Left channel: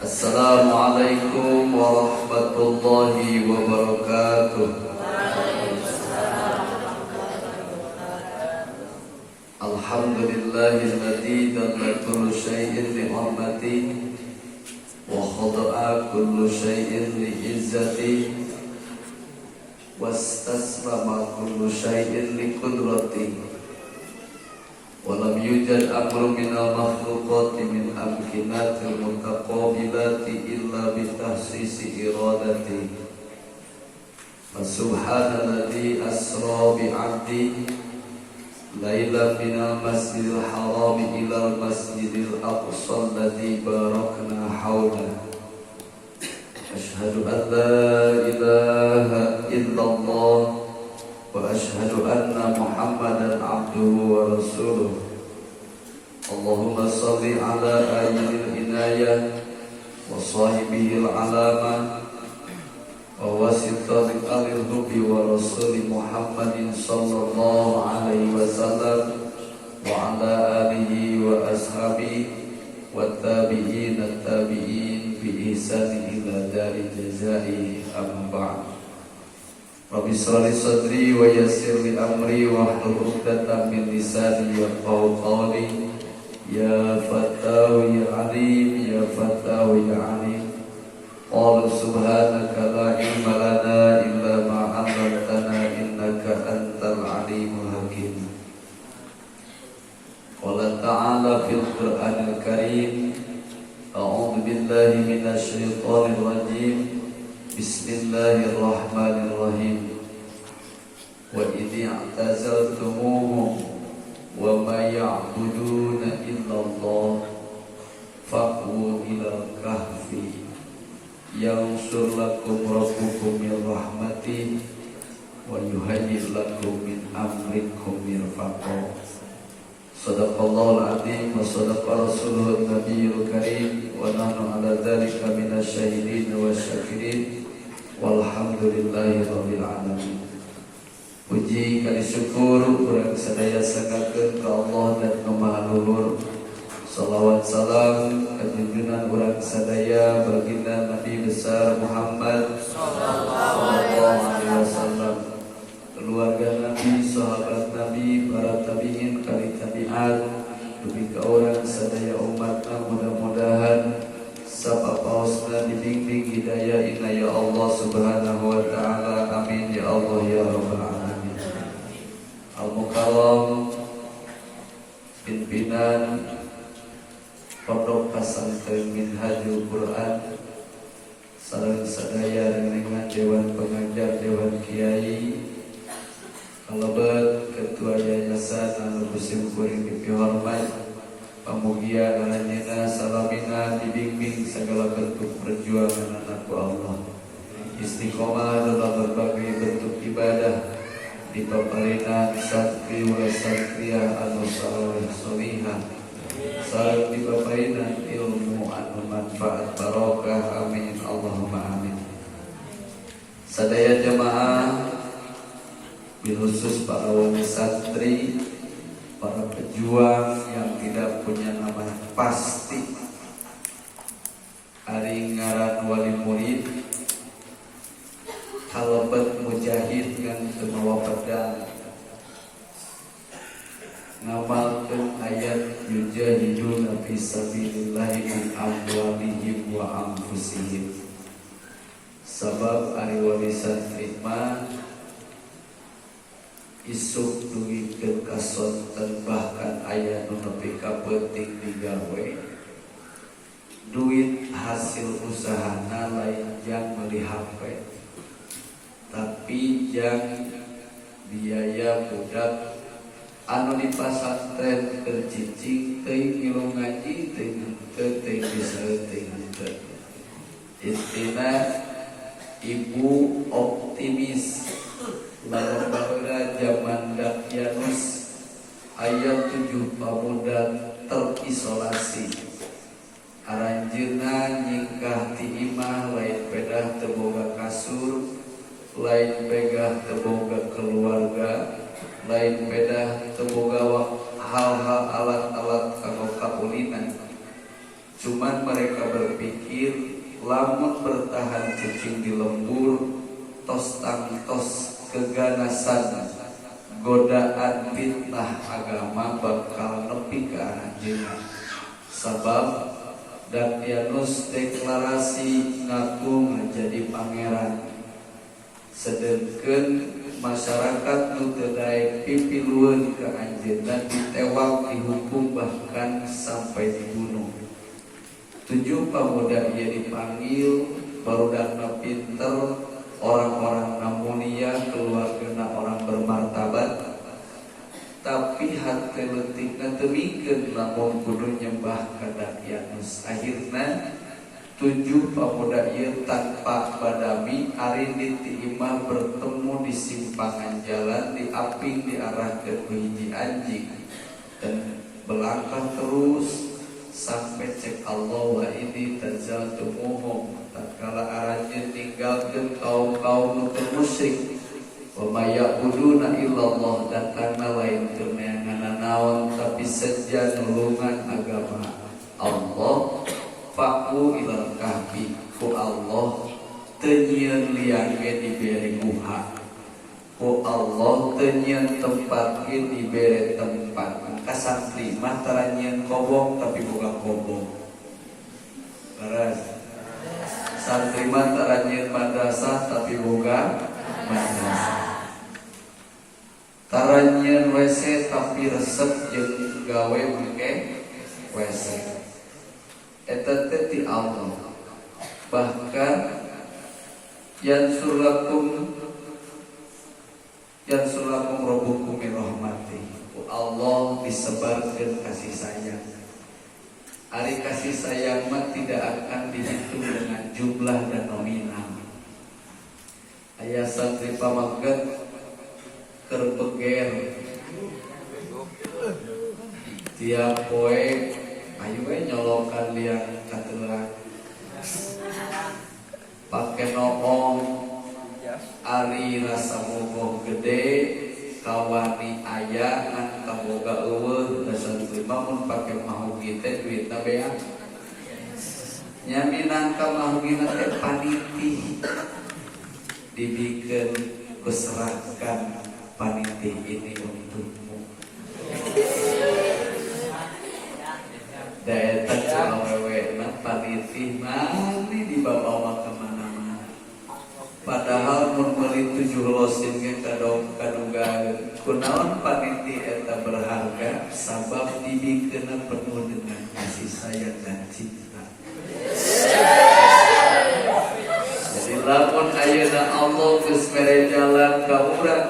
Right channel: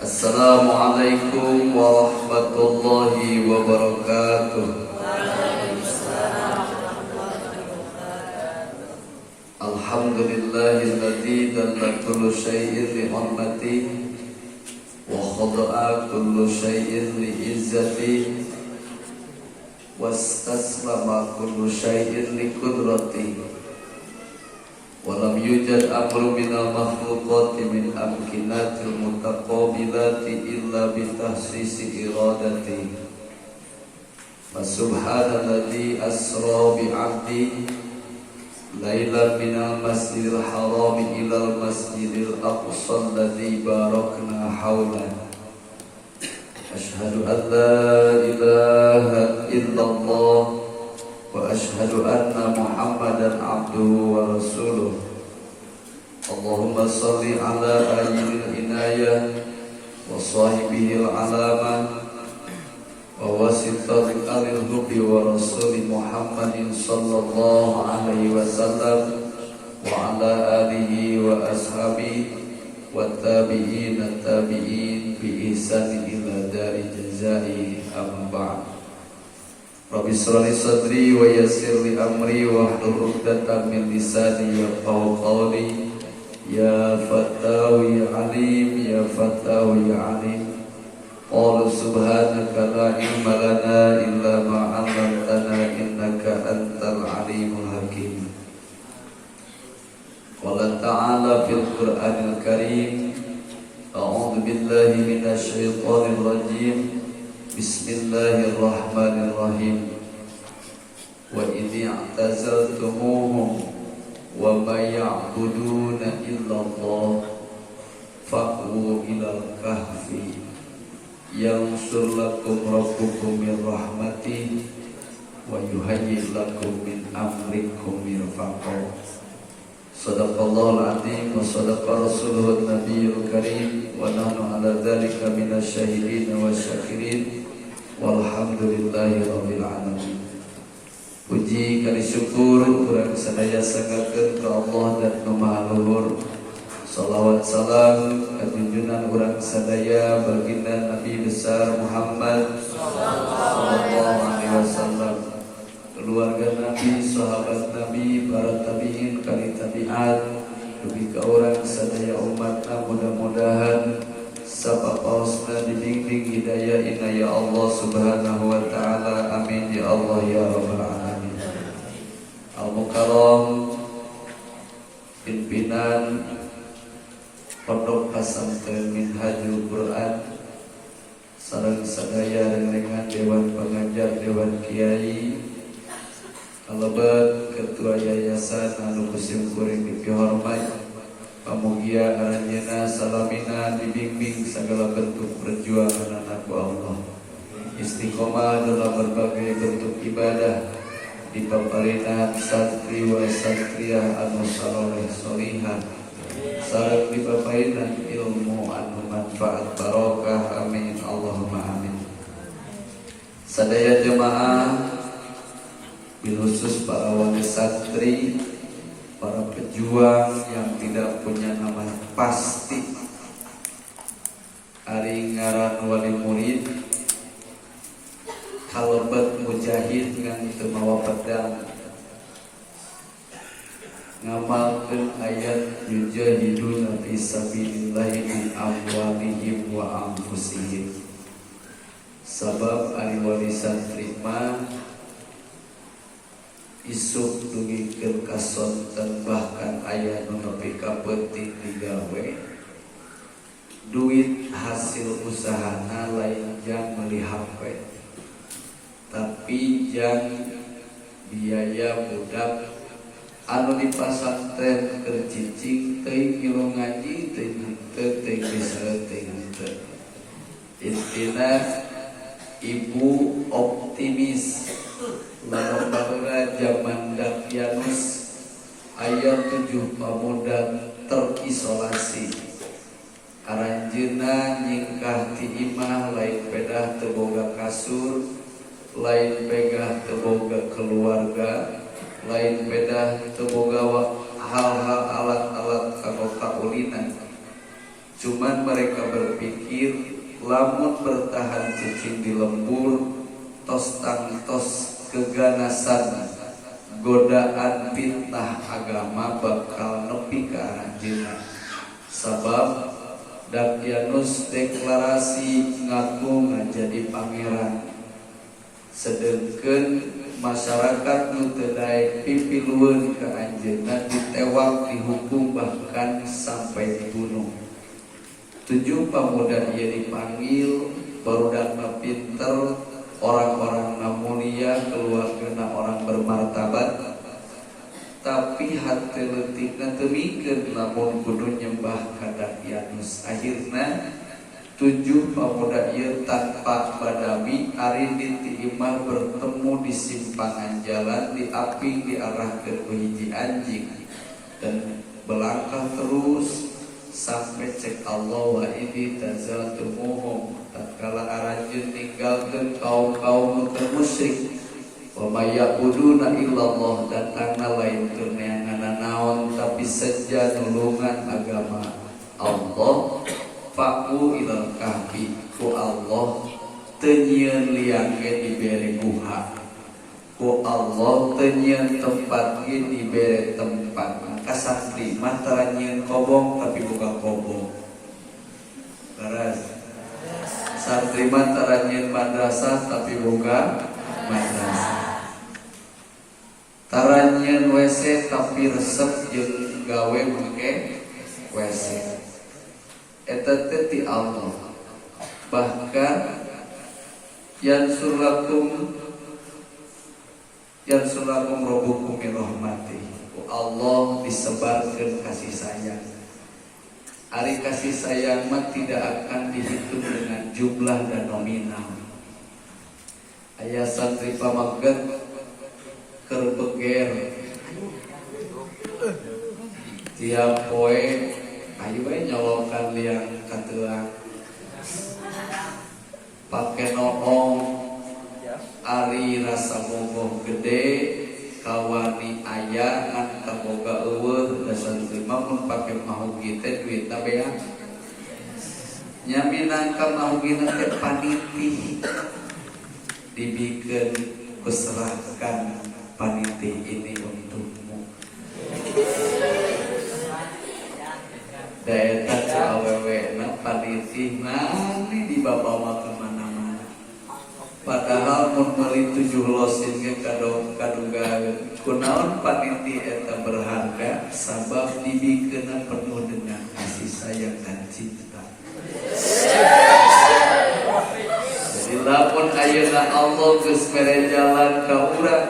Assalamualaikum warahmatullahi wabarakatuh. Alhamdulillahilladzi dalla kullu syai'in li hurmati wa khada'a kullu syai'in li izzati wastaslama kullu syai'in li qudrati. Walam yujad amru minal makhluqati min amkinatil mutaqabilati illa bitahsisi iradati. Fasubhanalladzi asra bi'abdi laylan minal masjidil harami ilal masjidil aqsa alladzi barakna hawla. Ashhadu an la ilaha illallah wa ashhadu anna Muhammadan abduhu wa rasuluh. Allahumma salli ala ayyil inayah wa sahibihil alamah wa wasitatil al-hubbi wa rasuli Muhammadin sallallahu alaihi wasallam wa ala alihi wa ashabihi wa tabi'in at-tabi'in bi ihsanin ila dari jazai amma ba'd. Rabbi shrah li sadri wa yassir li amri wa hlul 'uqdatam min lisani yafqahu qawli. Ya Fattahu ya Alim, ya Fattahu ya Alim. Qala subhanaka la ilma lana illa ma 'allamtana innaka antal alimul hakim. Qala ta'ala fil Qur'anil Karim, a'udzu billahi minasy syaithanir rajim. Bismillahirrahmanirrahim. Wa idh i'tazaltumuhum wa ma ya'buduna illallah fa'u ilal kahfi yanshur lakum rabbukum min rahmatihi wa yuhayyi' lakum min amrikum mirfaqa. Sadaqallahul azim wa sadaqa rasuluhun nabiyul karim wa nahnu ala dzalika minasy syahidin wa syakirin. Walhamdulillahi rabbil alamin. Puji kali syukur urang sadaya sangakeun ka Allah dan ka Maha Luhur. Shalawat salam junjungan urang sadaya baginda Nabi besar Muhammad sallallahu alaihi wasallam, keluarga Nabi, sahabat Nabi, para tabi'in, kali tabi'at, dugi ka urang sadaya umatna, mudah-mudahan sabab pausna dibimbing hidayah inayah Allah subhanahu wa ta'ala. Amin ya Allah ya rabbal alamin. Al-Mukarram pimpinan Pondok Pesantren Minhajul Quran sareng sadaya dengan Dewan Pengajar, Dewan Kiai, kalebet Ketua Yayasan anu kusim kuring dipihormat, pamugia anjeunna salamina dibimbing segala bentuk perjuangan anak Allah, istiqomah dalam berbagai bentuk ibadah, dipaparinah santri wa santriyah anu saleh salihah, sareng dipaparinah ilmu anu manfaat barokah. Amin Allahumma amin. Sadaya jemaah, khusus para wali santri, para pejuang yang tidak punya nama pasti, ari ngaran wali murid, kalebet mujahid ngan teu mawa pedang, ngamalkeun ayat yujahiduna fi sabilillahi bi amwalihim wa anfusihim. Sabab ari wali santri mah isuk dugikeun kasonten, bahkan aya nu nepi ka penting digawe. Duit hasil usahana lain jang meuli HP, tapi jang biaya budak anu di pasantren keur cicing teuing ilmu ngaji teuing bisa teuing. Intina ibu optimis lamun bahwa zaman Dakyanus aya 7 pemuda terisolasi. Aranjeunna nyingkah ti imah lain pedah teu boga kasur, lain pedah teu boga keluarga, lain pedah teu boga hal-hal alat-alat kanggo kaulinan. Cuman mereka berpikir lamun bertahan cicing di lembur tos tangtos keganasan godaan fitnah agama bakal nepi ka anjeunna. Sabab Dakyanus deklarasi ngaku ngajadi pangeran, sedengkeun masyarakat nu teu daek pipilueun ka anjeunna ditewak, dihukum, bahkan sampai dibunuh. 7 pemuda ieu dipanggil, barudakna pinter, orang-orang mulia, keluargana orang bermartabat, tapi hati leutikna teu mikeun lamun kudu nyembah ka Dakyanus. Akhirna 7 pemuda ieu tanpa badami ari ditiimah bertemu di simpangan jalan, diaping diarahkeun ku hiji anjing dan belangkah terus sampai cek Allah wa ini tazal tumuhum, tatkala arajun tinggalkeun kaum-kaum musyrik, wa mayabuduna illallah, dan kana lain teu neangan naon tapi saja nulungan agama Allah. Faku ilal kahfi, ku Allah teu nyieun liang ge dibere guha, ku Allah teu nyieun tempat ge dibere tempat. Maka santri mah tara nyieun kobong tapi boga kobong. Garas. Santri mah tara nyieun madrasah tapi boga madrasah. Tara nyieun WC tapi resep jeung gawe make WC. Eta teh ti Allah. Bahkan yansurakum rabbukum min rahmatih, Allah disebarkan kasih sayang. Ari kasih sayang mah tidak akan dihitung dengan jumlah dan nominal. Aya santri pamaget keur beger tiap poe ayo nyolokan liang katelang, pake noong, ari rasa bogoh gede, kawani aya ngan kaboga eueuh, da santri mah mun pake mahugi teh duitna beak. Nya minangka mahugina teh paniti, dibikeun beserahkan paniti ini untukmu. Daerah awewe paniti nani dibawa kemana-mana. Padahal mun meuli 7 losin ge kaduga kunaon paniti eta berharga, sabab dibikeun penuh dengan kasih sayang dan cinta. Jadi lamun ayeuna Allah geus mere jalan ka urang,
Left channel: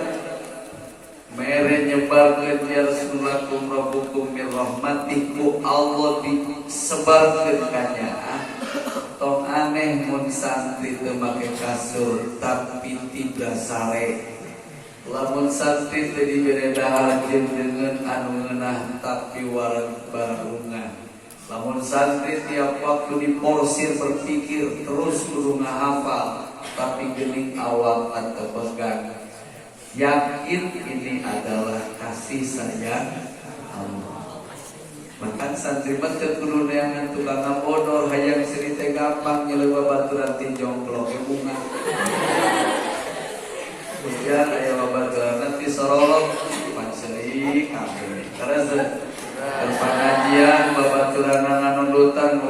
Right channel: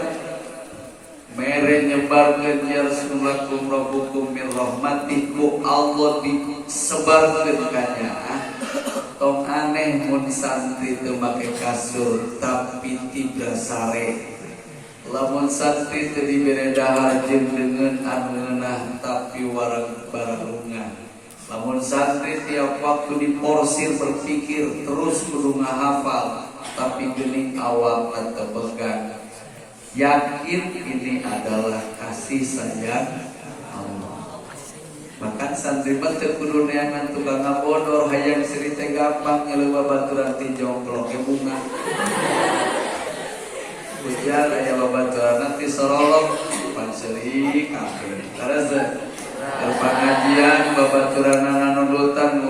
mere nyebarkeun yarsulakum rabbukum min rahmatih, ku Allah disebarkeun ka nya. Tong aneh mun santri teu make kasur tapi tidak sare. Lamun santri teu dibere dahar jeung deungeun anu ngeunah tapi wareg baralungan. Lamun santri tiap waktu diporsir berpikir terus kudu ngahafal tapi geuning awak atau pegang. Yakin ini adalah kasih sayang Allah. Bahkan santri mah teu kudu neangan tukang ngabodor, hayang siri teh gampang nyeleuwa baturan ti jongklok ke bunga. Biar aya babaturan nanti sorolok panceulik kabeh. Karasa pengajian babaturan anu nudutan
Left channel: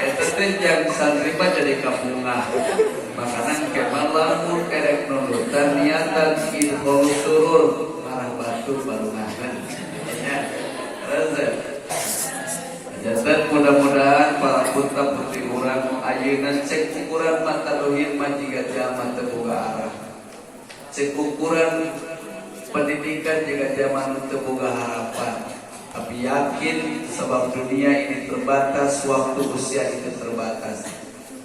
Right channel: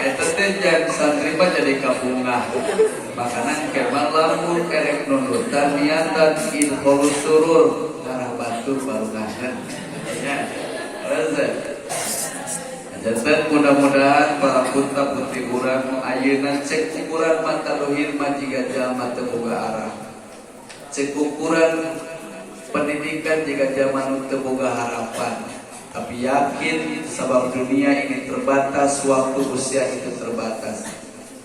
eta teh jang santri mah jadi kabungah. Makanan kemal lamun erek nudutan niatan ilham surur arah batu barungahan. Ya. Jadi mudah-mudahan para putra putri urang ayeuna cek ukuran mata luhir mah jiga jalma teu boga arah. Cek ukuran pendidikan jiga jalma teu boga harapan. Tapi yakin sebab dunia ini terbatas, waktu usia itu terbatas.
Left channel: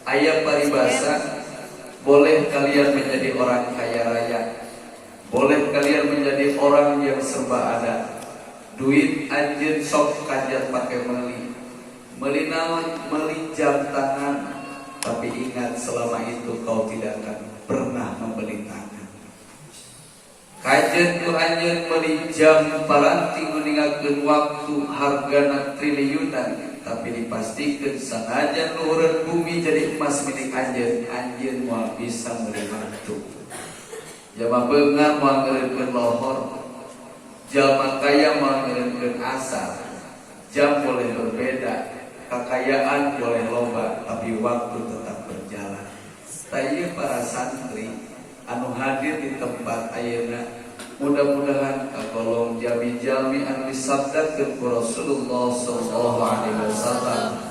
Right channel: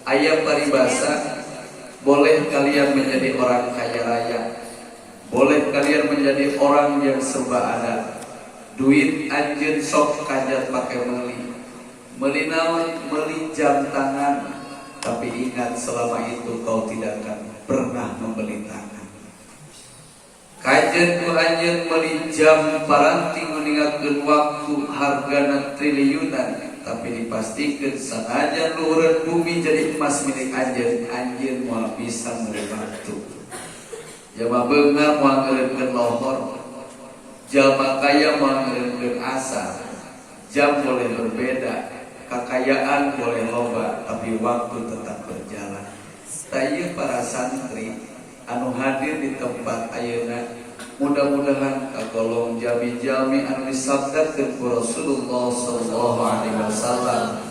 Ayat paribasa, boleh kalian menjadi orang kaya raya, boleh kalian menjadi orang yang serba ada. Duit anjeun sok kajat pake meuli naon, meuli jam tangan, tapi ingat selama itu kau tidak akan pernah membeli tangan. Kajeun ku anjeun meuli jam paranti ninggalkeun waktu hargana triliunan, tapi dipastikan sanajan luhur bumi jadi emas milik anjeun moal bisa mulai waktu. Jama beungar moal ngeureupkeun lohor, jama kaya moal ngeureupkeun asar. Jam boleh berbeda, kekayaan boleh loba, tapi waktu tetap berjalan. Tanya para santri anu hadir di tempat ayeuna, mudah-mudahan kagolong jami-jami anu disabdakeun ku Rasulullah sallallahu alaihi wasallam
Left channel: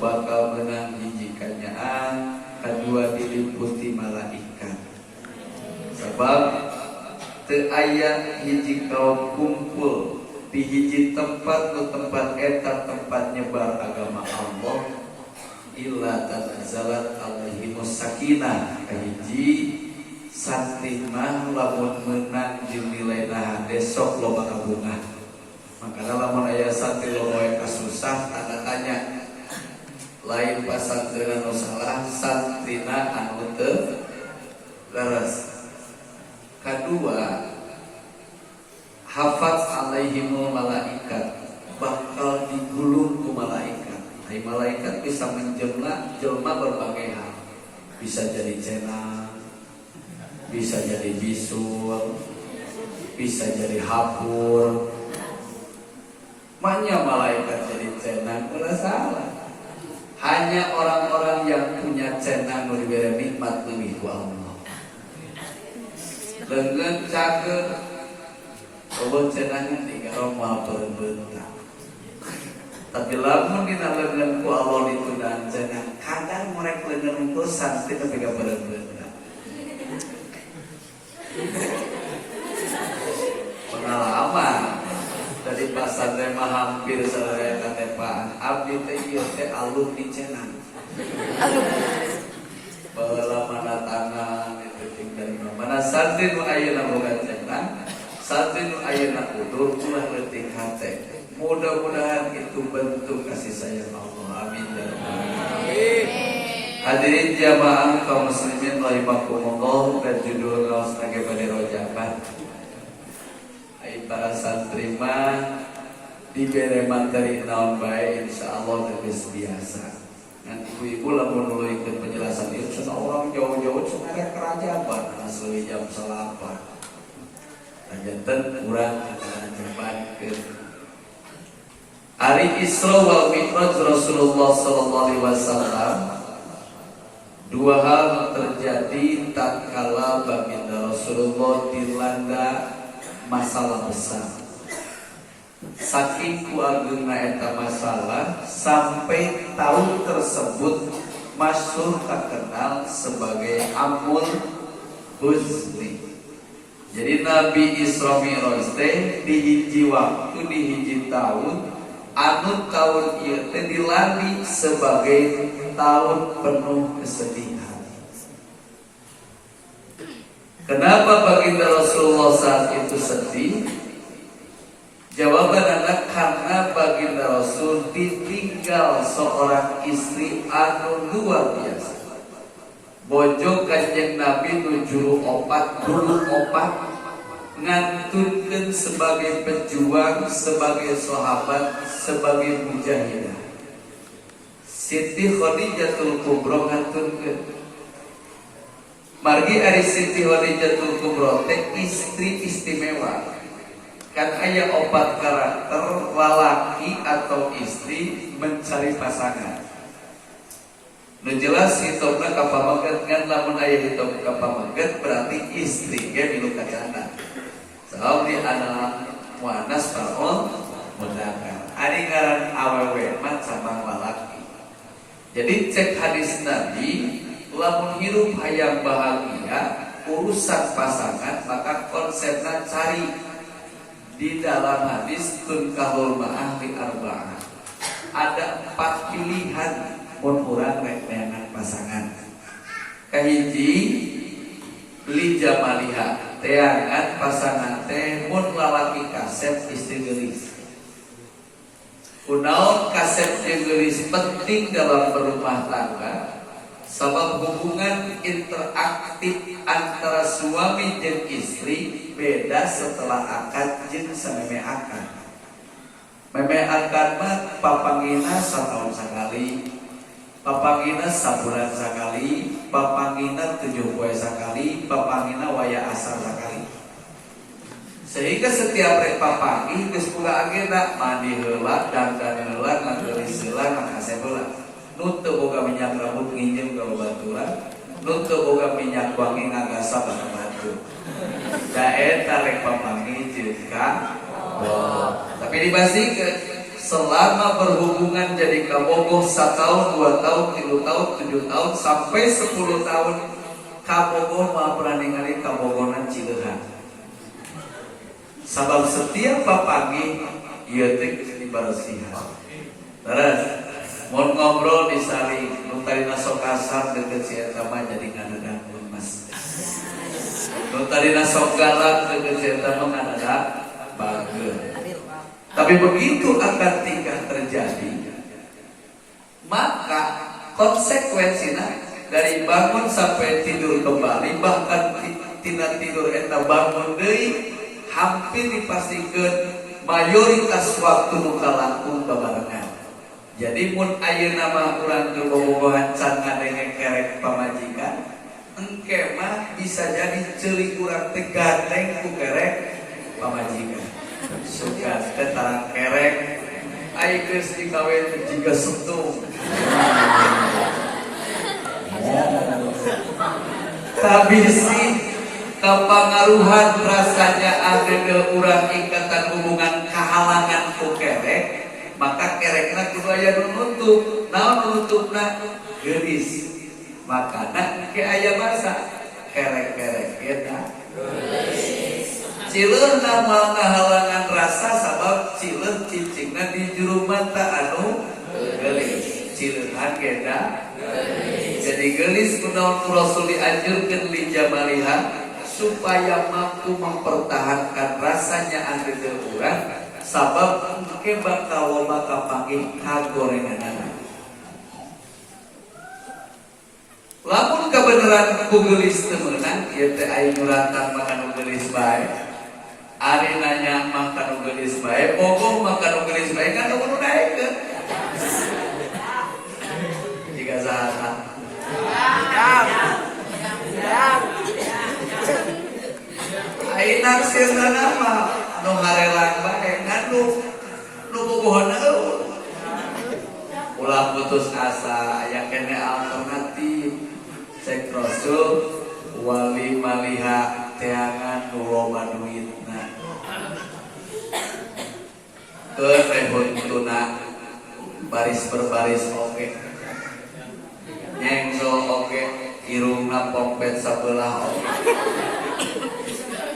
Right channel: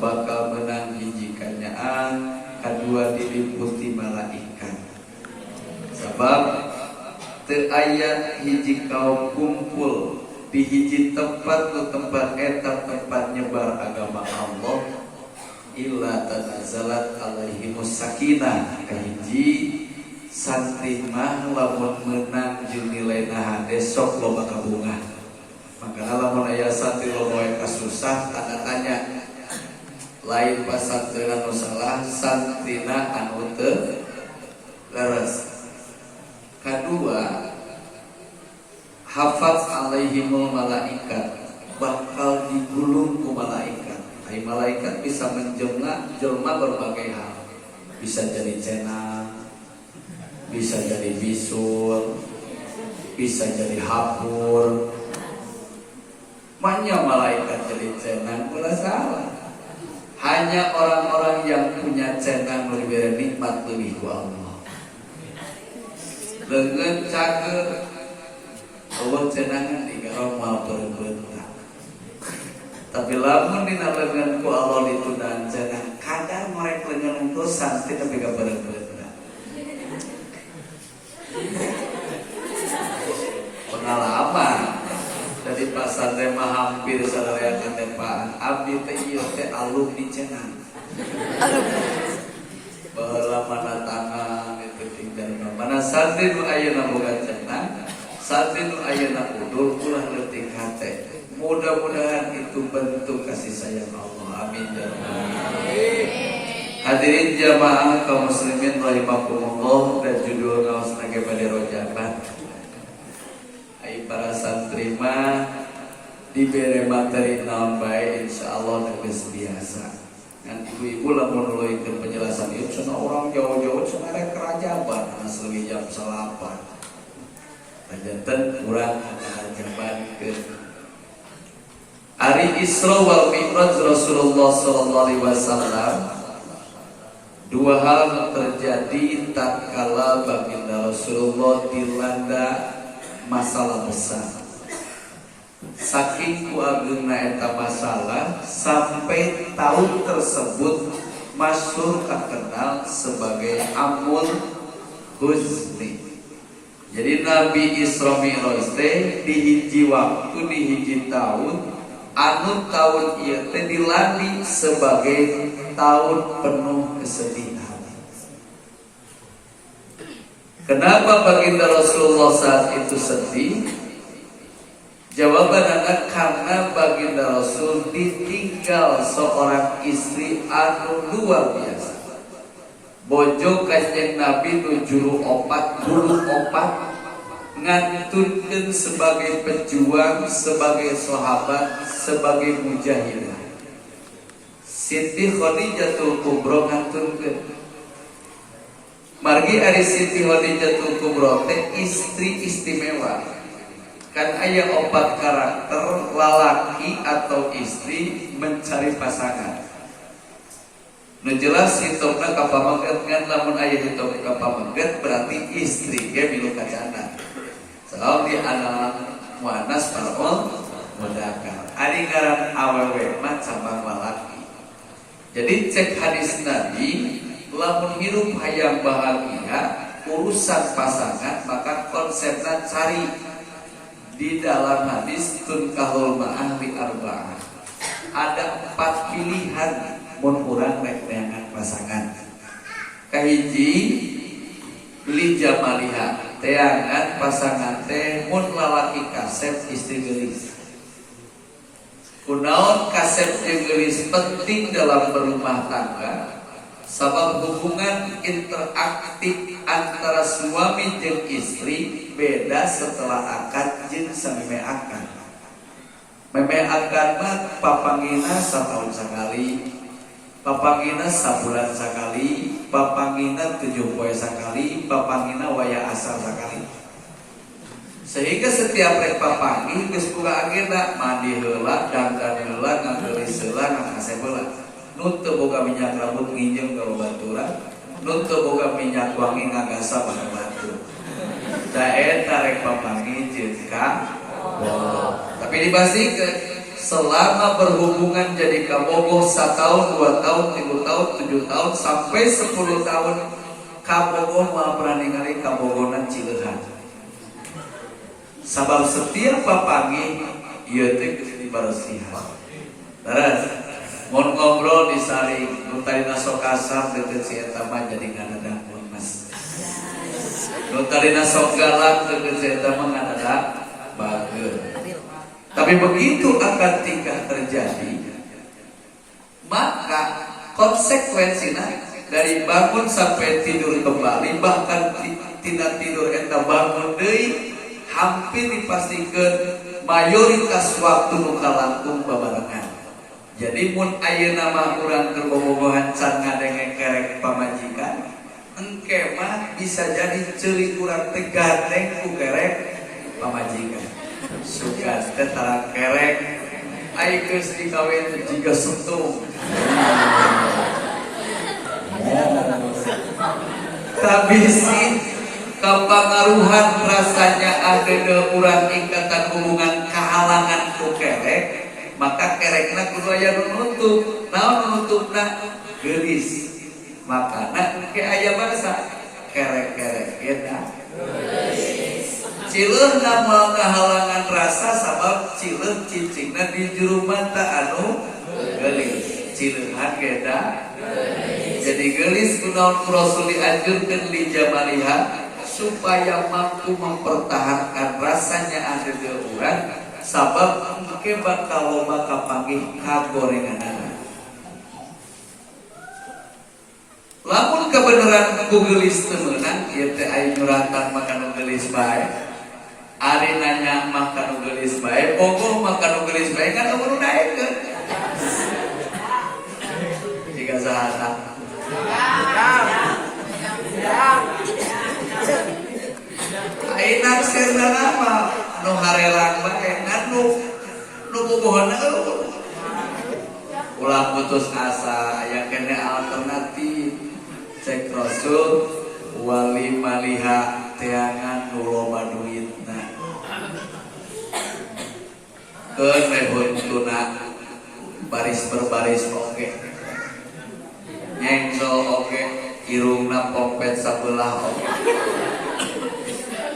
bakal menang hiji kanyaan, kadua diliputi malaikat. Sebab teu aya hiji kaum kumpul di hiji tempat ku tempat eta tempat nyebar agama Allah illa tanazzalat alaihimus sakinah kahiji santri mah lamun meunang jeung nilaina besok loba kabunga. Makana lamun aya santri loba kasusah tanda tanya. Lain pasantreun anu salah, santrina anu teu leres. Kadua, hafaz alaihimul malaikat, bakal digulung ku malaikat. Ai malaikat bisa jelma berbagai hal. Bisa jadi cenah, bisa jadi bisul, bisa jadi hapur. Maknya malaikat jadi cenang ulah salah. Hanya orang-orang yang punya cenang diberi nikmat lebih ku Allah. Leungeun cager eueuh cenangan digaro moal beuntak. Tapi lamun dina leungeun ku Allah ditundaan cenang, kadang mereka leungeun unggul santri tapi gak beuntak. Pengalaman dari pasar teh mah hampir sararea katepaan abdi teh ieu teh alun di cenang. Baheula manatangan itu tinggal mana santri nu ayeuna boga cenang, santri nu ayeuna udur ulah leutik hate. Mudah-mudahan itu bentuk kasih sayang Allah. Amin ya rabbal alamin. Hadirin jamaah kaum muslimin rahimakumullah, dan judul ngaos nage bade rojakan. Ai para santri mah dibere materi naon bae insyaallah geus biasa. Ngan ibu-ibu lamun nuluykeun penjelasan ieu cenah orang jauh-jauh cenah rek kerajaban anu leuwih jam 8. Panjenengan urang akan nyebarkeun Hari Isra wal Mi'raj Rasulullah sallallahu alaihi wasallam. Dua hal terjadi tatkala baginda Rasulullah dilanda masalah besar. Saking kuageuna eta masalah sampai tahun tersebut masyhur terkenal sebagai Amul Huzni. Jadi Nabi Isra Mi'raj teh di hiji waktu di hiji tahun anu tahun ieu teh dilandi sebagai tahun penuh kesedihan. Kenapa baginda Rasulullah saat itu sedih? Jawaban adalah karena baginda Rasul ditinggal seorang istri anu luar biasa. Bojo Kanjeng Nabi nu bulu opat ngantunkeun sebagai pejuang, sebagai sahabat, sebagai mujahidah. Siti Khadijatul Kubra ngantunkeun. Margi ari Siti Khadijatul Kubra teh istri istimewa. Kan aya 4 karakter lalaki atau istri mencari pasangan. Nu jelas hitungna ka pamaget ngan lamun aya hitung ka pamaget berarti istri ge milu kacana. Salam di anak muannas taun mudzakkar. Ari ngaran awewe mah cabang lalaki. Jadi cek hadis Nabi, lamun hirup hayang bahagia urusan pasangan maka konsepna cari. Di dalam hadis tunkahul ma'ahli arba'ah ada 4 pilihan mun urang rek neangan pasangan. Kahiji li jamaliha, teangan pasangan teh mun lalaki kasep istri geulis. Kunaon kasep geulis penting dalam berumah tangga? Sebab hubungan interaktif antara suami jeung istri beda setelah akad jeung sameme akad. memeakan mah papangina setahun sekali, papangina sabulan sekali, papangina 7 poe sekali, papangina waya asar sekali. Sehingga setiap rek papangi geus boga agenda mandi heula, dandan heula, ngageulis heula, ngakase heula. Nu teu boga minyak rambut nginjeun ka babaturan, nu teu boga minyak wangi ngagasa ka batu. Da eta rek papangi jeung ka Allah. Tapi dipastikan selama berhubungan jadi kabogoh 1 tahun, 2 tahun, 3 tahun, 7 tahun sampai 10 tahun kabogoh mah pernah ningali kabogonan Cileunhan. Sabab setiap papangi ieu teh dibarosihan. Terus mun ngobrol di sari nu tarina sok kasar deukeut si eta mah jadi ngadadahkeun mas. Nu tarina sok galak deukeut si eta mah ngadadak bageun. Tapi begitu akan tingkah terjadi, maka konsekuensinya dari bangun sampai tidur kembali, bahkan tidak tidur eta bangun deui, hampir dipastikan mayoritas waktu nuka langkung babarengan. Jadi mun ayeuna mah urang kebobogohan can ngadenge kerek pamajikan, engke mah bisa jadi ceuli urang teh gandeng ku kerek pamajikan. Suka teh tarang kerek ai geus dikawin jiga setung. Tapi sih kepengaruhan rasanya ada urang ikatan hubungan kehalangan ku kerek, maka kerekna kudu aya nunutup. Naon nunutupna? Geulis. Makana ke aya bahasa kerek-kerek eta geulis. Cileunna moal kehalangan rasa sabab cileun cicingna di juru mata anu geulis. Cileunhan eta geulis. Jadi geulis kunaon Rasul dianjurkeun li jamaliha supaya mampu mempertahankan rasanya ada di urang, sabab engke bakal loba kapanggih kagorenganan. Lamun kebenaran bugelis teu meunang, ieu teh aya nyuratan makan bugelis bae. Ari nanya makan bugelis bae, bogoh makan bugelis bae kan kudu daekeun. Jika saha ayeuna sirna nama nu harelang bae nu bogohna eueuh. Ulah putus asa aya kene alternatif. Cek Rasul wali maliha teangan nu loba duitna. Keun tuna baris berbaris oke. Nyengsel oke, irungna pompet sabelah oke.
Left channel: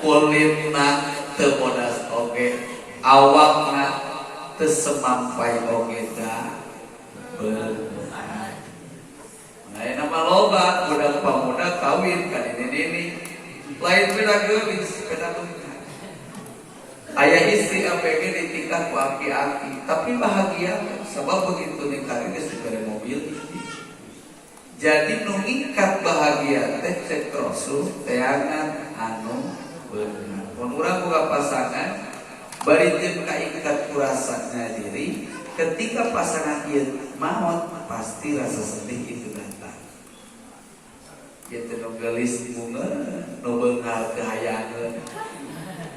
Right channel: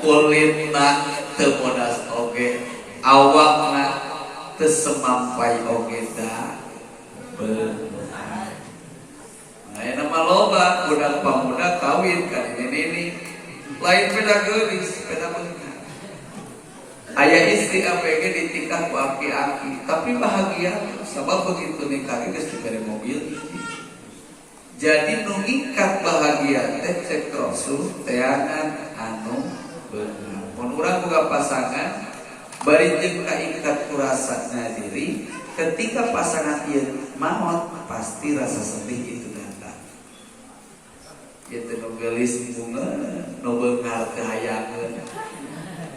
Kulitna teu bodas oge, awakna teu semampai oge da beunang. Nah, nama loba budak pamuda kawin kan ini lain beda geulis beda beunang. Aya istri APG ditingkah ku aki-aki, tapi bahagia sebab begitu nikah geus dibere mobil istri. Jadi nu ngikat bahagia teh cek Rasul teangan anu benar. Mun urang boga pasangan bari teu kaikat ku rasana diri, ketika pasangan ieu maot pasti rasa sedih itu datang. Ieu teh nu geulis bunga, nu beungar teu hayangeun.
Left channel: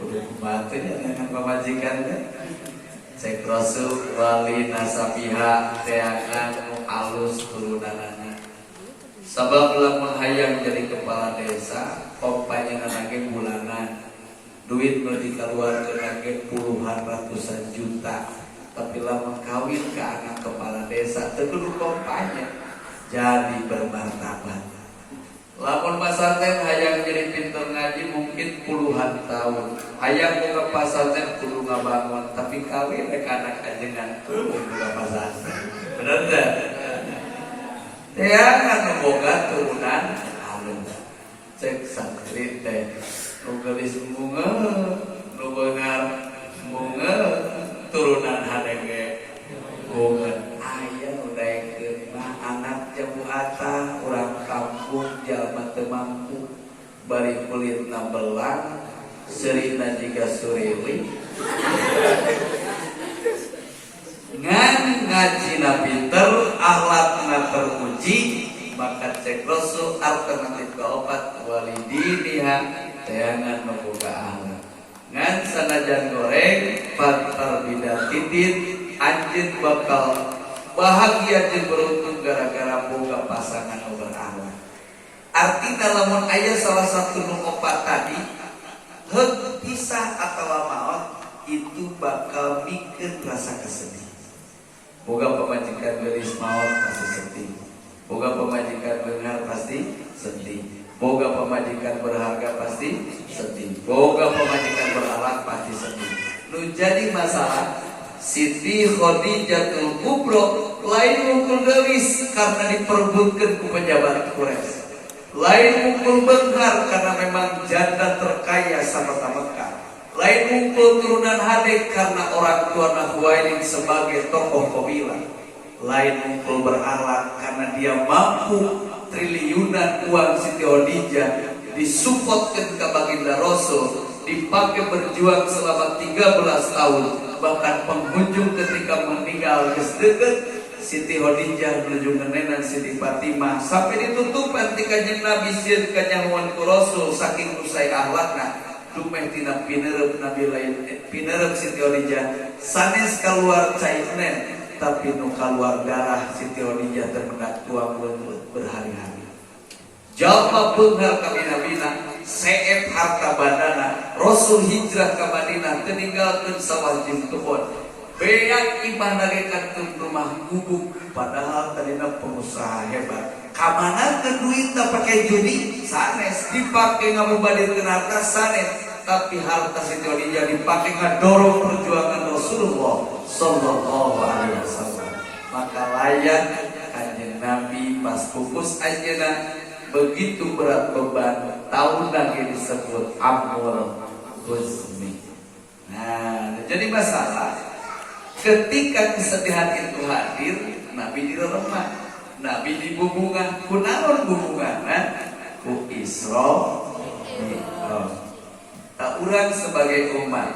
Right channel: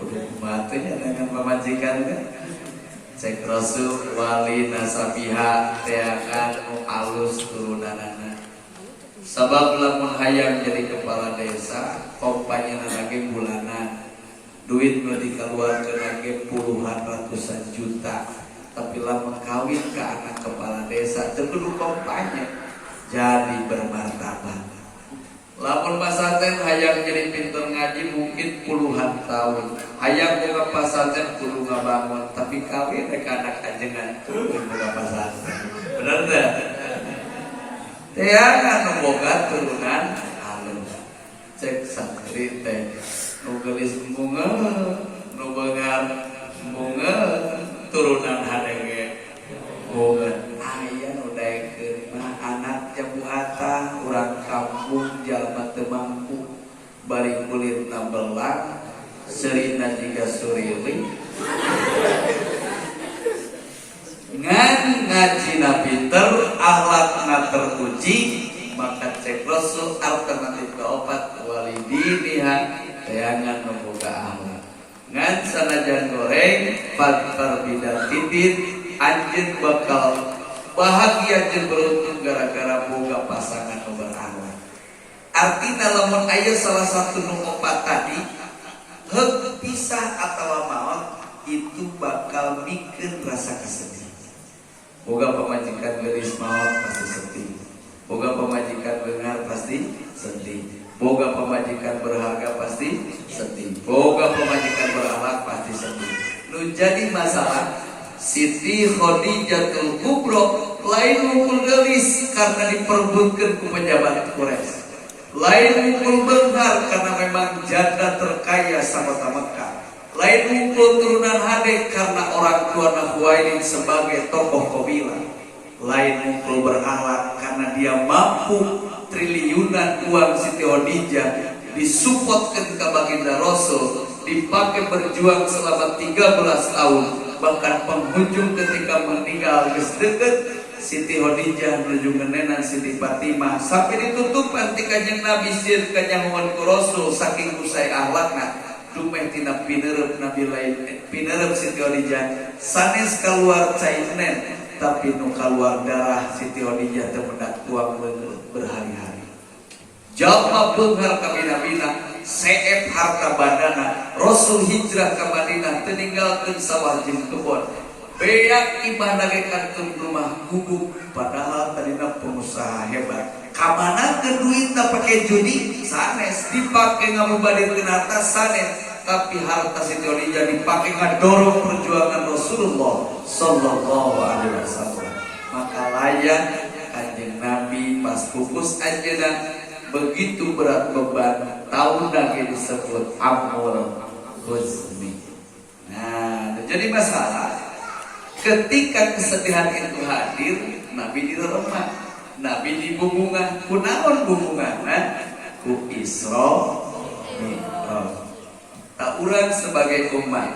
Kudu kumaha nya nang pamajikan teh. Cek Rasul wali nasabiha teangan nu alus turunanana. Sabab lamun hayang jadi kepala desa, kompanya nage bulanan, duit nu dikeluarkeun nage puluhan ratusan juta. Tapi lamun kawin ke anak kepala desa, teu kudu kompanya jadi bermartabat. Lamun pasantren hayang jadi pinter ngaji mungkin puluhan tahun. Hayang boga pasantren kudu ngabangun, tapi kawin rek anak ajengan kudu boga pasantren. Bener teh? Teangan boga turunan halus. Cek santri teh nu geulis bunga, nu beungar bunga, turunan hadenge bunga. Aya nu daekeun anak jabu atah urang kampung jalma teu mampu bari kulitna belang, seurina jiga surili. doa teruji, maka cek Rasul alternatif ke obat walidiniha teangan membuka akhlak. Ngan sanajan goreng faktor bidatitin anjeun bakal bahagia jeung beruntung gara-gara boga pasangan nu berakhlak. Artina lamun aya salah satu nu opat tadi heug pisah atawa maot itu bakal bikin rasa kesedih. Boga pemajikan geulis maot pasti sedih. Boga pemajikan beungar pasti sedih. Boga pemajikan berharga pasti sedih. Boga pemajikan berakhlak pasti sedih. Nu jadi masalah Siti Khadijatul Kubra lain mukul geulis karena diperbutkeun ku pejabat Quraisy. Lain mukul beungar karena memang janda terkaya sarta Mekah. Lain mukul turunan Hadid karena orang tua Khuwailid sebagai tokoh kabilah. Lain mukul berakhlak karena dia mampu triliunan uang Siti Khadijah disupport ke baginda Rasul, dipakai berjuang selama 13 tahun. Bahkan penghujung ketika meninggal geus deukeut Siti Khadijah menuju menenan Siti Fatimah sampai ditutup antikannya Nabi sieun kanyanguan ku Rasul saking usai akhlakna dumeh tina pineureup Nabi lain pineureup Siti Khadijah sanes kaluar cairen tapi nu kaluar darah Siti Khadijah teh mendak tuang berhari-hari. Jalma beunghar ka Madinah seep harta bandana Rasul hijrah ke Madinah teninggalkeun sawajing tuhun beak imah nagekankeun rumah gubuk padahal tadina pengusaha hebat kamanakeun duit tak pakai judi sanes dipake ngabubadikeun harta sanes tapi harta Siti Khadijah dipake ngadorong perjuangan Rasulullah sallallahu alaihi wasallam. Maka layak kanjeng Nabi pas pupus anjeunna begitu berat beban tahun lagi disebut Amul Husni. Nah, jadi masalah ketika kesedihan itu hadir, Nabi di rumah, Nabi di bubungan, kunaon bubungan, ku Isra Mi'raj. Tak urang sebagai umat,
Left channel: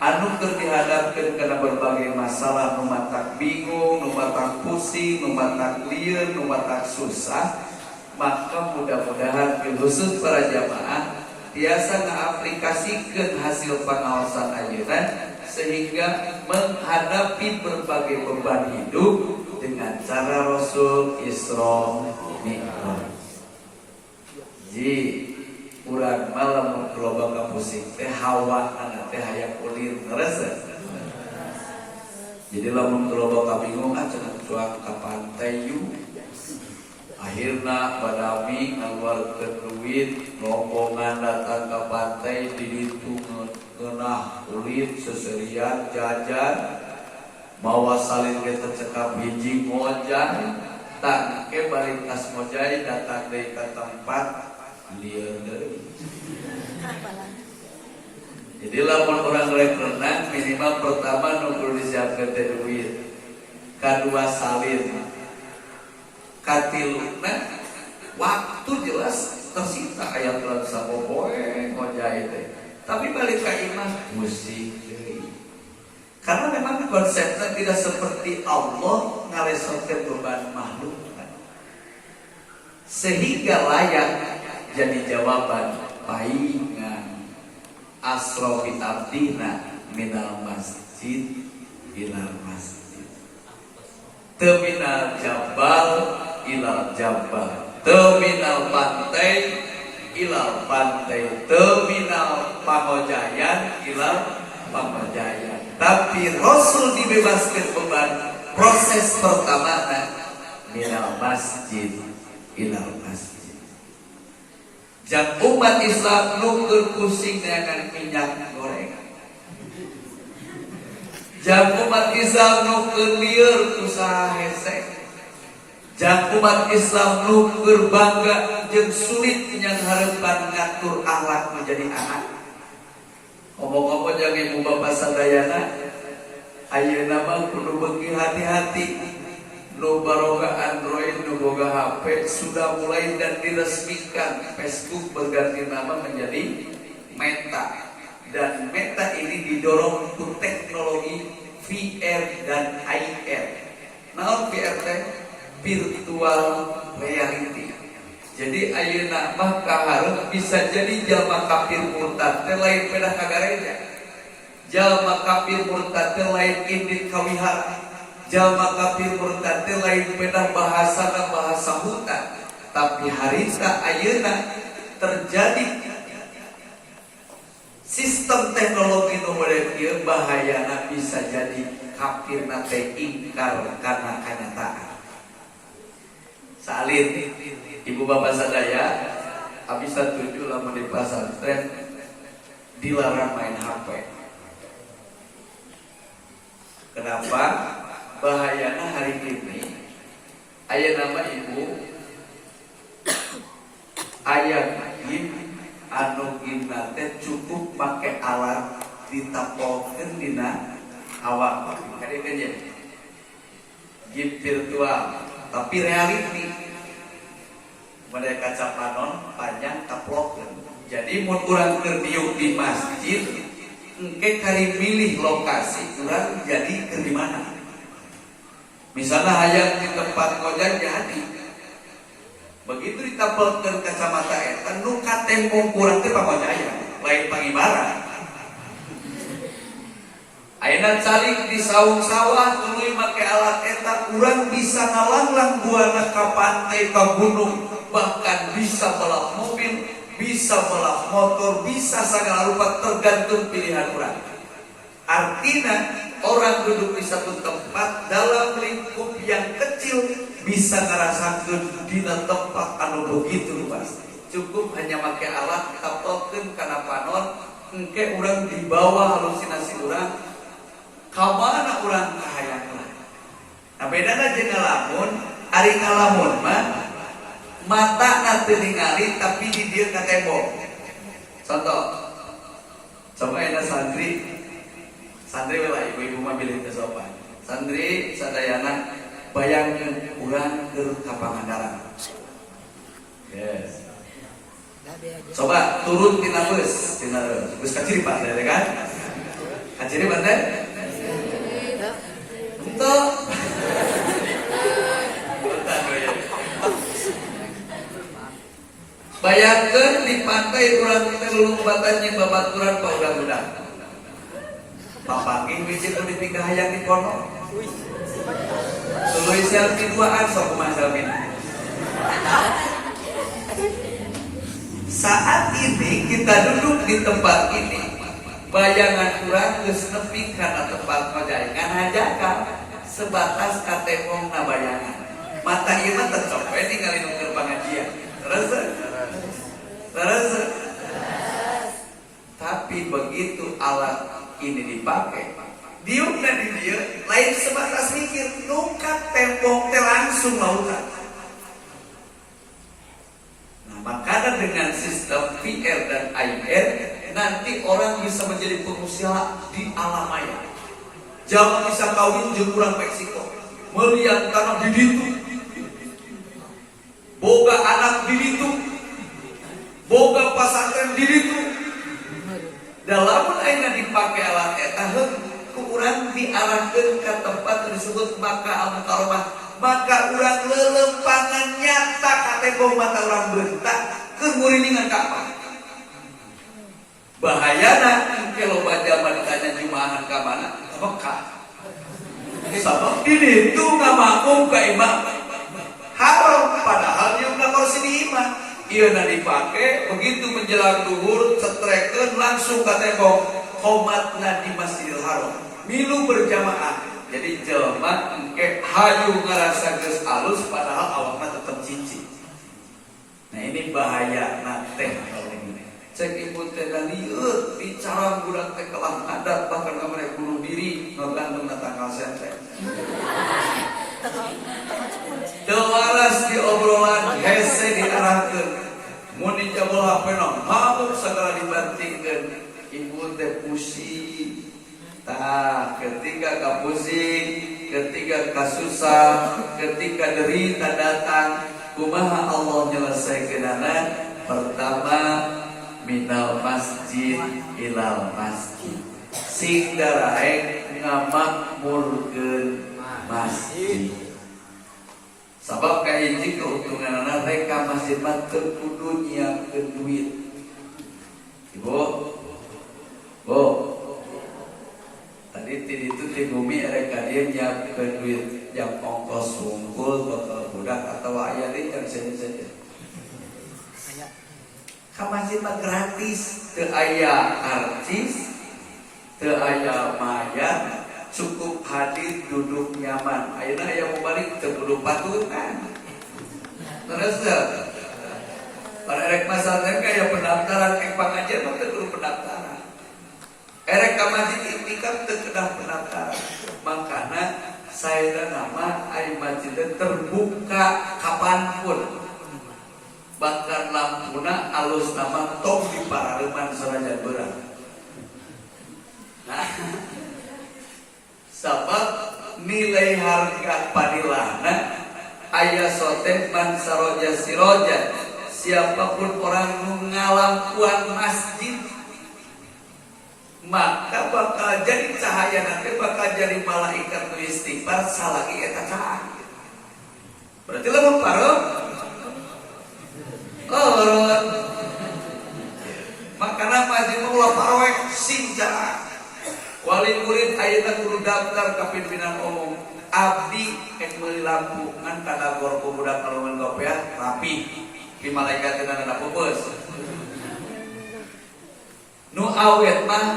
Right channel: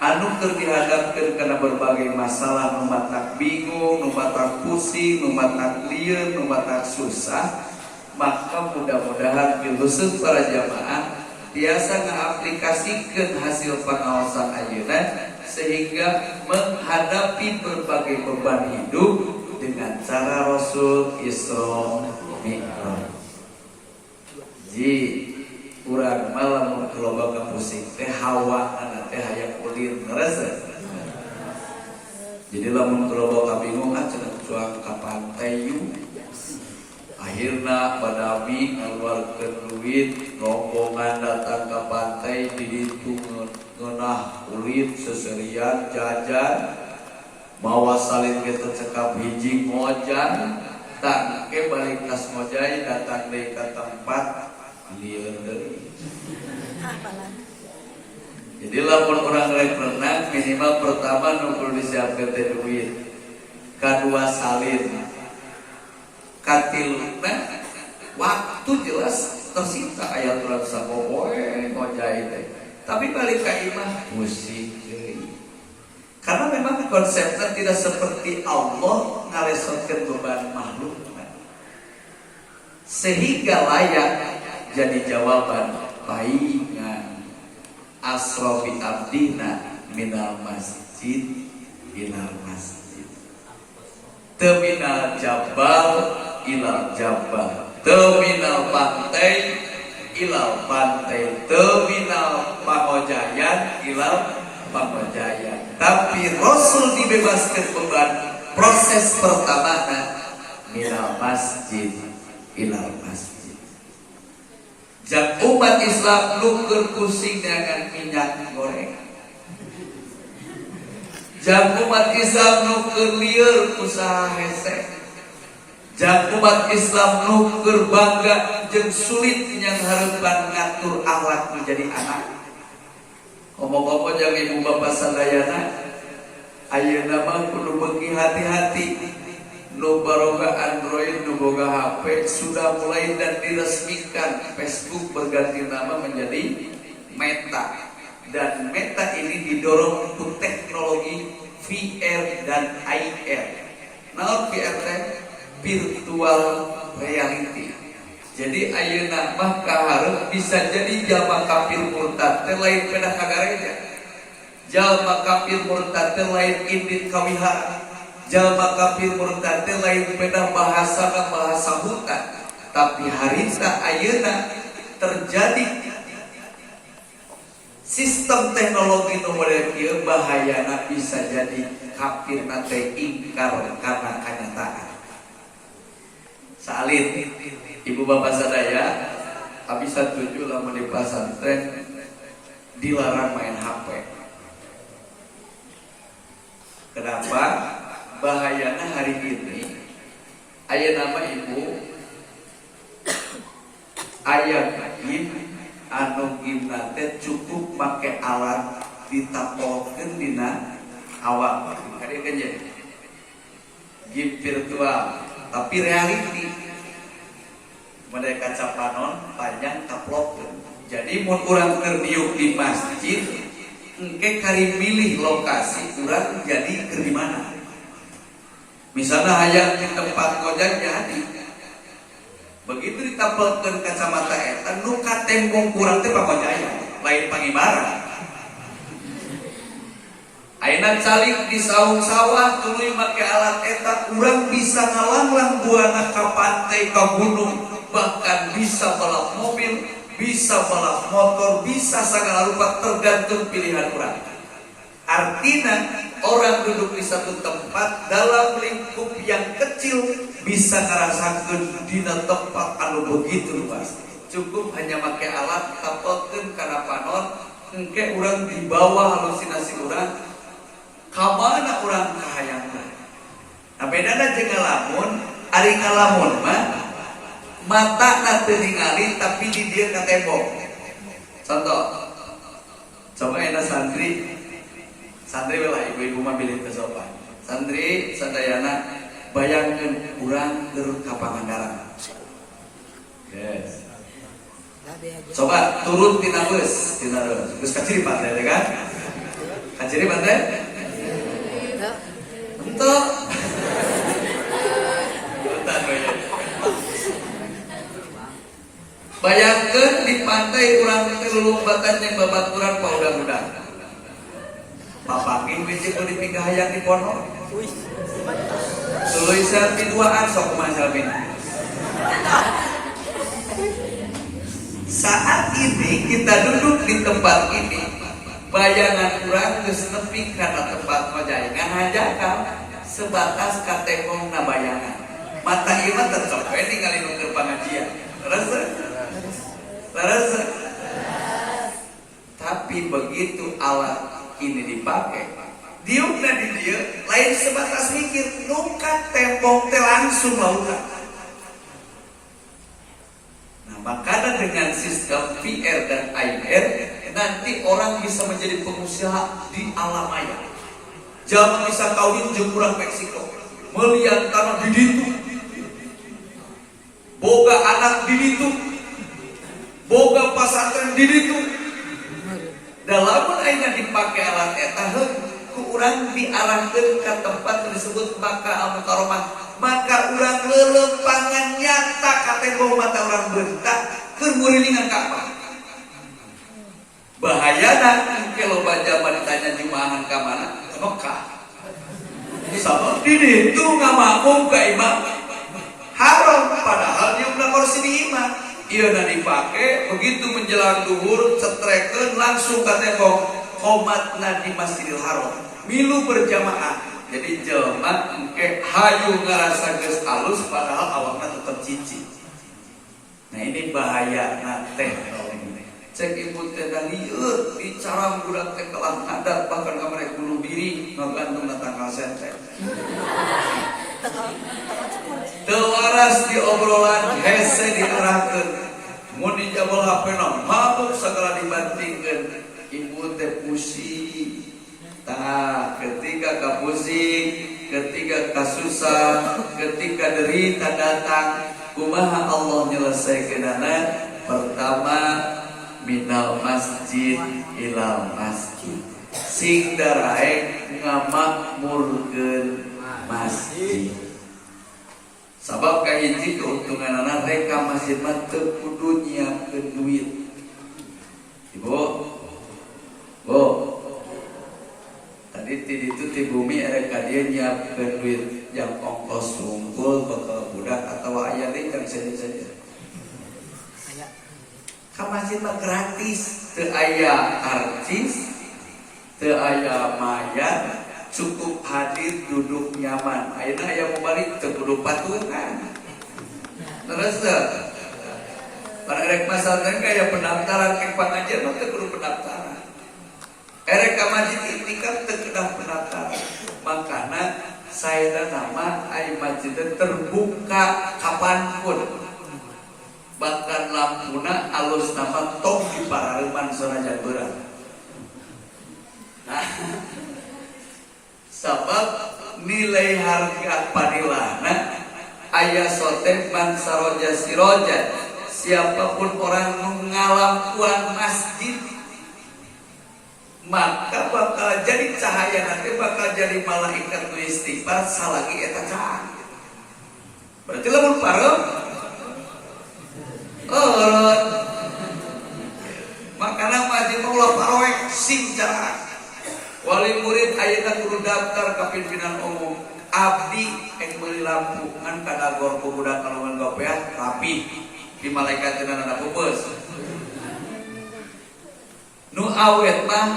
anu keur dihadapkeun kana berbagai masalah, nu matak bingung, nu matak pusing, nu matak lieur, nu matak susah. Maka mudah-mudahan khusus para jamaah biasa ngaplikasikeun hasil pengawasan ayeuna sehingga menghadapi berbagai beban hidup dengan cara Rasul Isra Mi'raj. Ji urang malam loba pusing teh hawa anak teh hayang ulir rasa. Jadi lamun loba kabingung cenah cuang ka pantai yuk. Akhirna badami ngaluarkeun duit rombongan datang ke pantai di ditu ngeunah kulit seserian jajan bawa salin ge cekap hiji ngojan tak ke balik tas ngojay datang deui ka tempat lieur deui. Jadi lamun urang rek renang minimal pertama nu kudu disiapkeun teh duit, kadua salin. Katiluna waktu jelas tersita aya turun saboboe ngojay teh. Tapi balik ka imah pusing deui. Karena memang konsepnya tidak seperti Allah ngalesokeun beban makhluk. Sehingga layak jadi jawaban paingan asrofi abdina minal masjid ilal masjid. Terminal jabal ilal jabal, terminal pantai ilal pantai, terminal Pamojayan ilal Pamojayan. Tapi Rasul dibebaskan beban proses pertama minal masjid ilal masjid. Jak umat Islam nuker pusing dengan minyak goreng. Jak umat Islam nuker lieur usaha hese. Jak umat Islam nuker bangga jeung sulit yang hareupan ngatur akhlak menjadi anak. Omong-omong jeung ibu bapak sadayana ayeuna mah kudu beuki hati-hati. Nu boga Android, nu boga HP sudah mulai dan diresmikan Facebook berganti nama menjadi Meta. Dan Meta ini didorong untuk teknologi VR dan IR. Nah, VR virtual reality. Jadi ayeuna mah kaharep bisa jadi jalma kafir murtad teh lain pedah ka gereja. Jalma kafir murtad teh lain indit kawihara. Jalma kafir murtad teh lain pedah bahasa ka bahasa hutan. Tapi harita ayeuna terjadi sistem teknologi nu modern ieu bahayana bisa jadi kafirna teh ingkar karena kenyataan. Salin ibu bapak sadaya habis setuju lamun di pesantren dilarang main HP. Kenapa? Bahayana hari ini aya nama ibu aya game anu gimna teh cukup make alat ditapolkeun dina awak. Kade kan ya? Game virtual tapi reality. Pada kaca panon panjang taplokkeun. Jadi mun urang keur diuk di masjid, engke kali milih lokasi urang jadi keur di mana. Misalnya hayang di tempat koja jadi. Begitu ditapelkeun kacamata eta nu ka tembong kurang teh pangojaya, lain pangibaran. Ayeuna calik di saung sawah tuluy make alat eta urang bisa ngalanglang buana ka pantai ka gunung, bahkan bisa balap mobil, bisa balap motor, bisa sagala rupa tergantung pilihan urang. Artinya orang duduk di satu tempat dalam lingkup yang kecil bisa ngerasakeun dina tempat anu begitu luas. Cukup hanya pakai alat tapelkeun kana panon, engke urang di bawah halusinasi urang. Ka mana urang kahayang urang. Nah bedana jeung ngalamun, ari ngalamun mah matana teu ningali tapi di dieu ka tembok. Contoh. Coba eta santri lah ibu-ibu mah bilih teu sopan. Santri sadayana bayangkeun urang keur ka Pangandaran. Yes. Coba turun tina beus, geus ka Ciripat teh kan? Ka Ciripat teh? Entuk. Bayangkeun di pantai urang teh lulumbatan jeung babaturan ka udang-udang. Papanging biji kalau dipinggah hayang di pondok. Suluy selfie duaan sok kumaha selfie. Saat ini kita duduk di tempat ini, bayangan kurang geus nepi kana tempat ngojaengan hajatan sebatas ka tembongna bayangan. Mata ieu mah tetep we ningali nu keur pangajian. Terus. Tapi begitu alat ini dipakai, diukna di dia lain sebatas mikir, nukat tembok teh langsung lautan. Nah makanya dengan sistem VR dan AR nanti orang bisa menjadi pengusaha di alam maya. Jangan bisa kawin jeung urang Meksiko, melihat tanah di ditu, boga anak di ditu, boga pasantren di ditu. Dalam ayeuna dipake alat eta ku urang diarahkeun ka tempat disebut Makkah Al-Mukarramah, maka urang lelempangan nyata ka tembok mata urang beuntak keur ngurilingan Ka'bah. Bahayana engke loba jalma ditanya jumaahan ka mana? Ka Mekkah. Sabab di ditu ngamakmum ka imam haram padahal nyumna kursi di imam. Ieuna dipake begitu menjelang duhur cetrekeun langsung ka tembok qomatna di Masjidil Haram milu berjamaah. Jadi jelema engke hayu ngarasa geus alus padahal awakna tetep cicing. Nah ini bahaya teh ini. Cek ibu teh dalieur bicara budak teh kelah adat bahkan kamari bunuh diri ngagantung tanggal sente. Teu waras di obrolan hese diarahkeun. Mun dijabal hapena mabuk segala dibantingkeun. Ibu teh pusing. Tah ketika kapusing, ketika kasusah, ketika derita datang, kumaha Allah nyelesaikeunana? Pertama minal masjid ilal masjid. Sing daraek ngamakmurkeun masjid. Sabab kahiji keuntunganana reka masjid mah teu kudu nyiapkeun duit. Ibu, Bu, tadi itu di bumi reka dia nyiapkeun duit yang ongkos wungkul ke budak atau aya lincang saja. Ka masjid mah gratis, teu aya karcis, teu aya mayar, cukup hadir duduk nyaman. Ayeuna aya mau balik teu kudu patungan. Terus para erek masjid aya pendaftaran ke pengajian mah teu kudu pendaftaran. Erek ka masjid ini kan teu kedah pendaftaran. Makana saeuna nama aya masjid terbuka kapanpun. Bahkan lampuna alus nama tong di paraleman soraja beurang. Nah, sabab nilai harga padilahna aya soten man saroja siroja. Siapapun orang mengalampuan masjid maka bakal jadi cahaya nanti, bakal jadi malaikat nu istighfar salagi eta cahaya. Berarti lamun parem makana masjid Allah pawek sing cara wali murid ayeuna kudu daftar ka pimpinan umum. Abdi ek meuli lampu ngan kana gor budak kalawan gopeat rapi di malaikat teu nana pupeus. Nu awet mah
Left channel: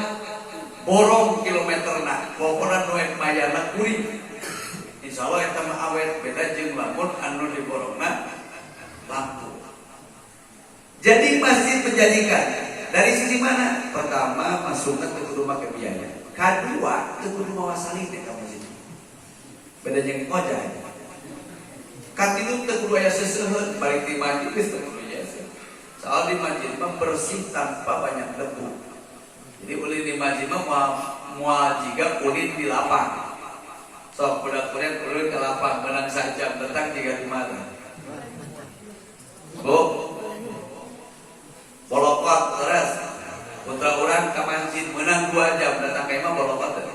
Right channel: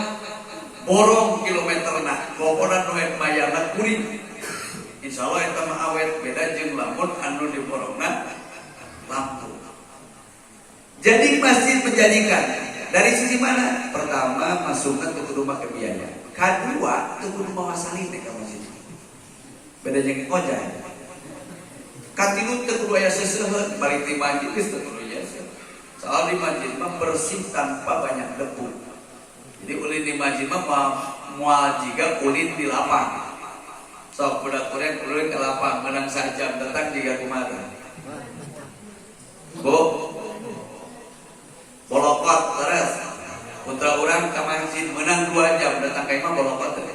borong kilometerna, pokona nu ek mayana kuring. Insyaallah eta mah awet beda jeung lamun anu diborongna lampu. Jadi masjid menjadikan dari sisi mana? Pertama, masukkan ke rumah ke biaya. Kedua, ke rumah wasalin ke masjid. Beda jeung koja. Katilu ke aya seseuheun balik di masjid geus teu kudu jasa. Soal di masjid mah bersih tanpa banyak debu. Jadi ulin di masjid mah moal jiga ulin di lapang. Sok budak kuliah ulin ke lapang menang sajam datang jiga kumaha. Bu, bolokot terus putra orang ke masjid menang 2 jam datang ke imam bolokot teh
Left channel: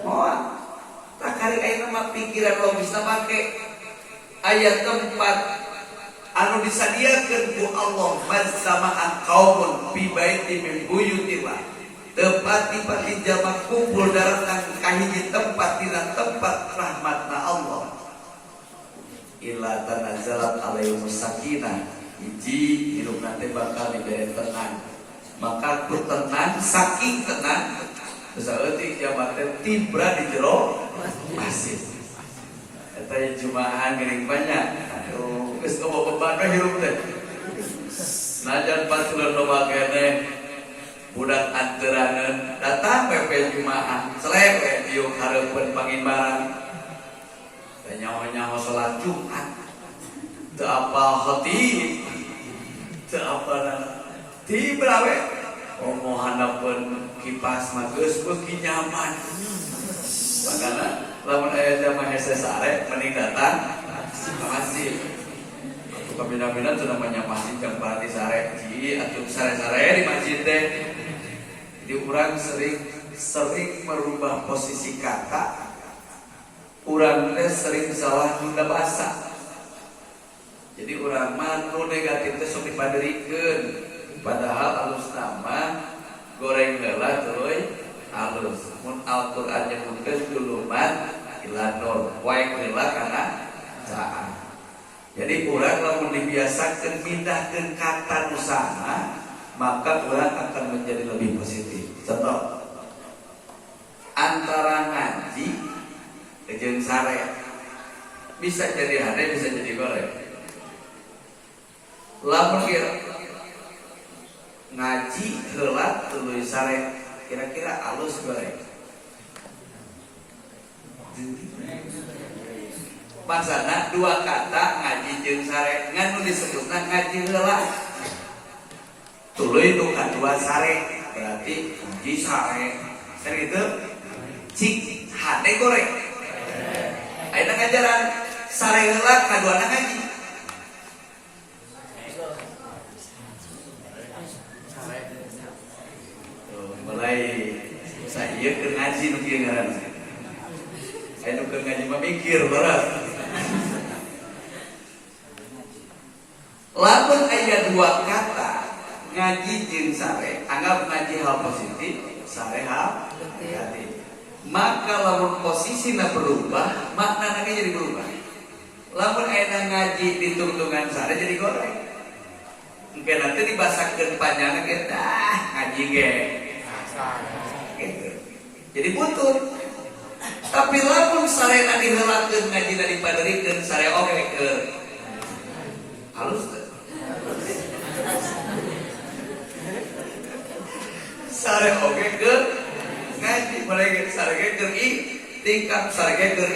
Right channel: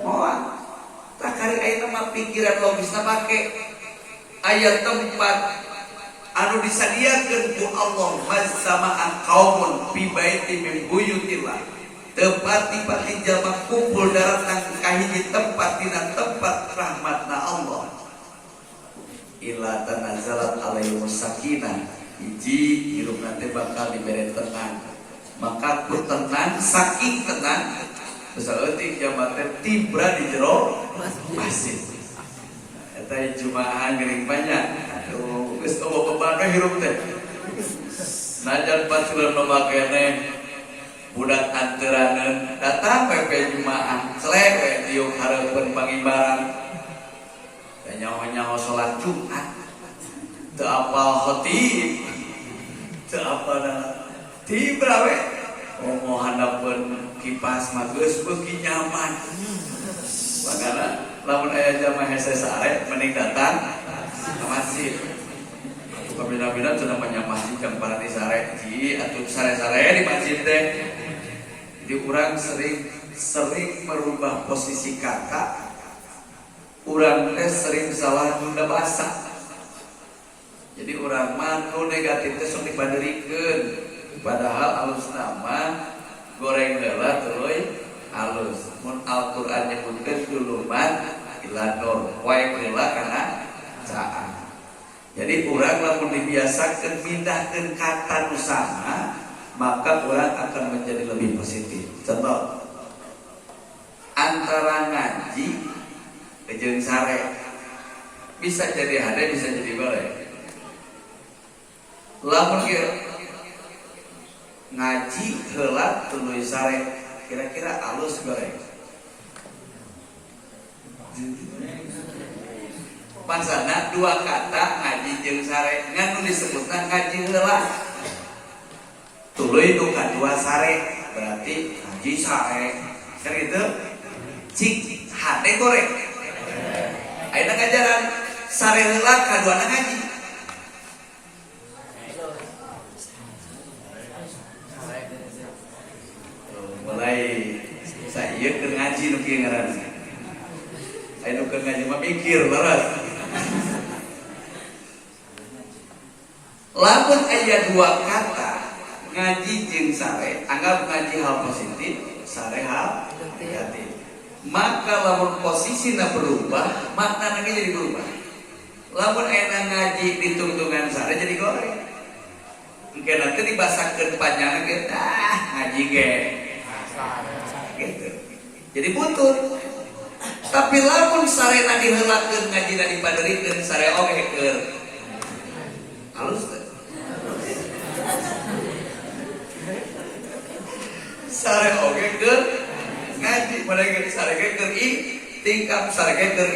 moal tak kari ayeuna mah pikiran logisna make aya tempat anu disadiakeun ku Allah mazzama'a qaumun fi baitin min buyutillah tepati-pati jalma kumpul datang ka hiji tempat dina tempat rahmatna Allah illa tanazzalat alaihimus sakinah hiji hirup nanti bakal diberi tenang. Maka ku tenang, saking tenang saeutik jamaah tibra di jero masjid. Eta jumaahan geuning banyak. Aduh, geus loba beban hirup teh. Najan patuleun loba keneh budak anteraneun datang we jumaahan, selek we dieu hareupeun pangimbaran. Nyaho-nyaho salat Jumat. Teu apa khatib, teu apa tibra we omong handapeun kipas mah geus beuki nyaman. Makana lamun aya jamaah hese sare mending datang ke masjid. Kabina-bina teu namanya masjid jam parati sare, ji atuh sare-sare di masjid teh. Jadi urang sering merubah posisi kata. Urang teh sering salah nyunda basa. Jadi urang mah nu negatif teh sok dipaderikeun. Padahal alus nama goreng heula tuluy alus. Mun Al-Qur'an nyebutkeun duluman ila nur, wae heula kana caan. Jadi urang lamun dibiasakeun pindahkeun kata nu sama, maka urang akan menjadi lebih positif. Contoh antara ngaji jeung sare bisa jadi hade, bisa jadi goreng. Lamun ngaji heula tuluy sare kira-kira alus goreng. Maksudna 2 kata ngaji jeung sare ngan nu disebutna ngaji heula. Tuluy nu kadua sare berarti ngaji sare. Sakitu cik hade goreng. Ayeuna ngajaran sare heula kaduana ngaji. Mulai saya ke ngaji nu kieu ngaran. Anu ke ngaji mah mikir barat. Lamun aya dua kata ngaji jeung sare, anggap ngaji hal positif, sare hal negatif. Maka lamun posisinya berubah, maknanya jadi berubah. Lamun aya ngaji ditungtungan sare jadi goreng. Engke nanti dibasakeun panjang ge ngaji ge. Gitu. Jadi butut. Tapi lamun sarena diheulakeun ngajina dipaderikeun sare oge keur halus teh. Sare oge keur ngaji, mereka sare ge keur tingkap sare ge keur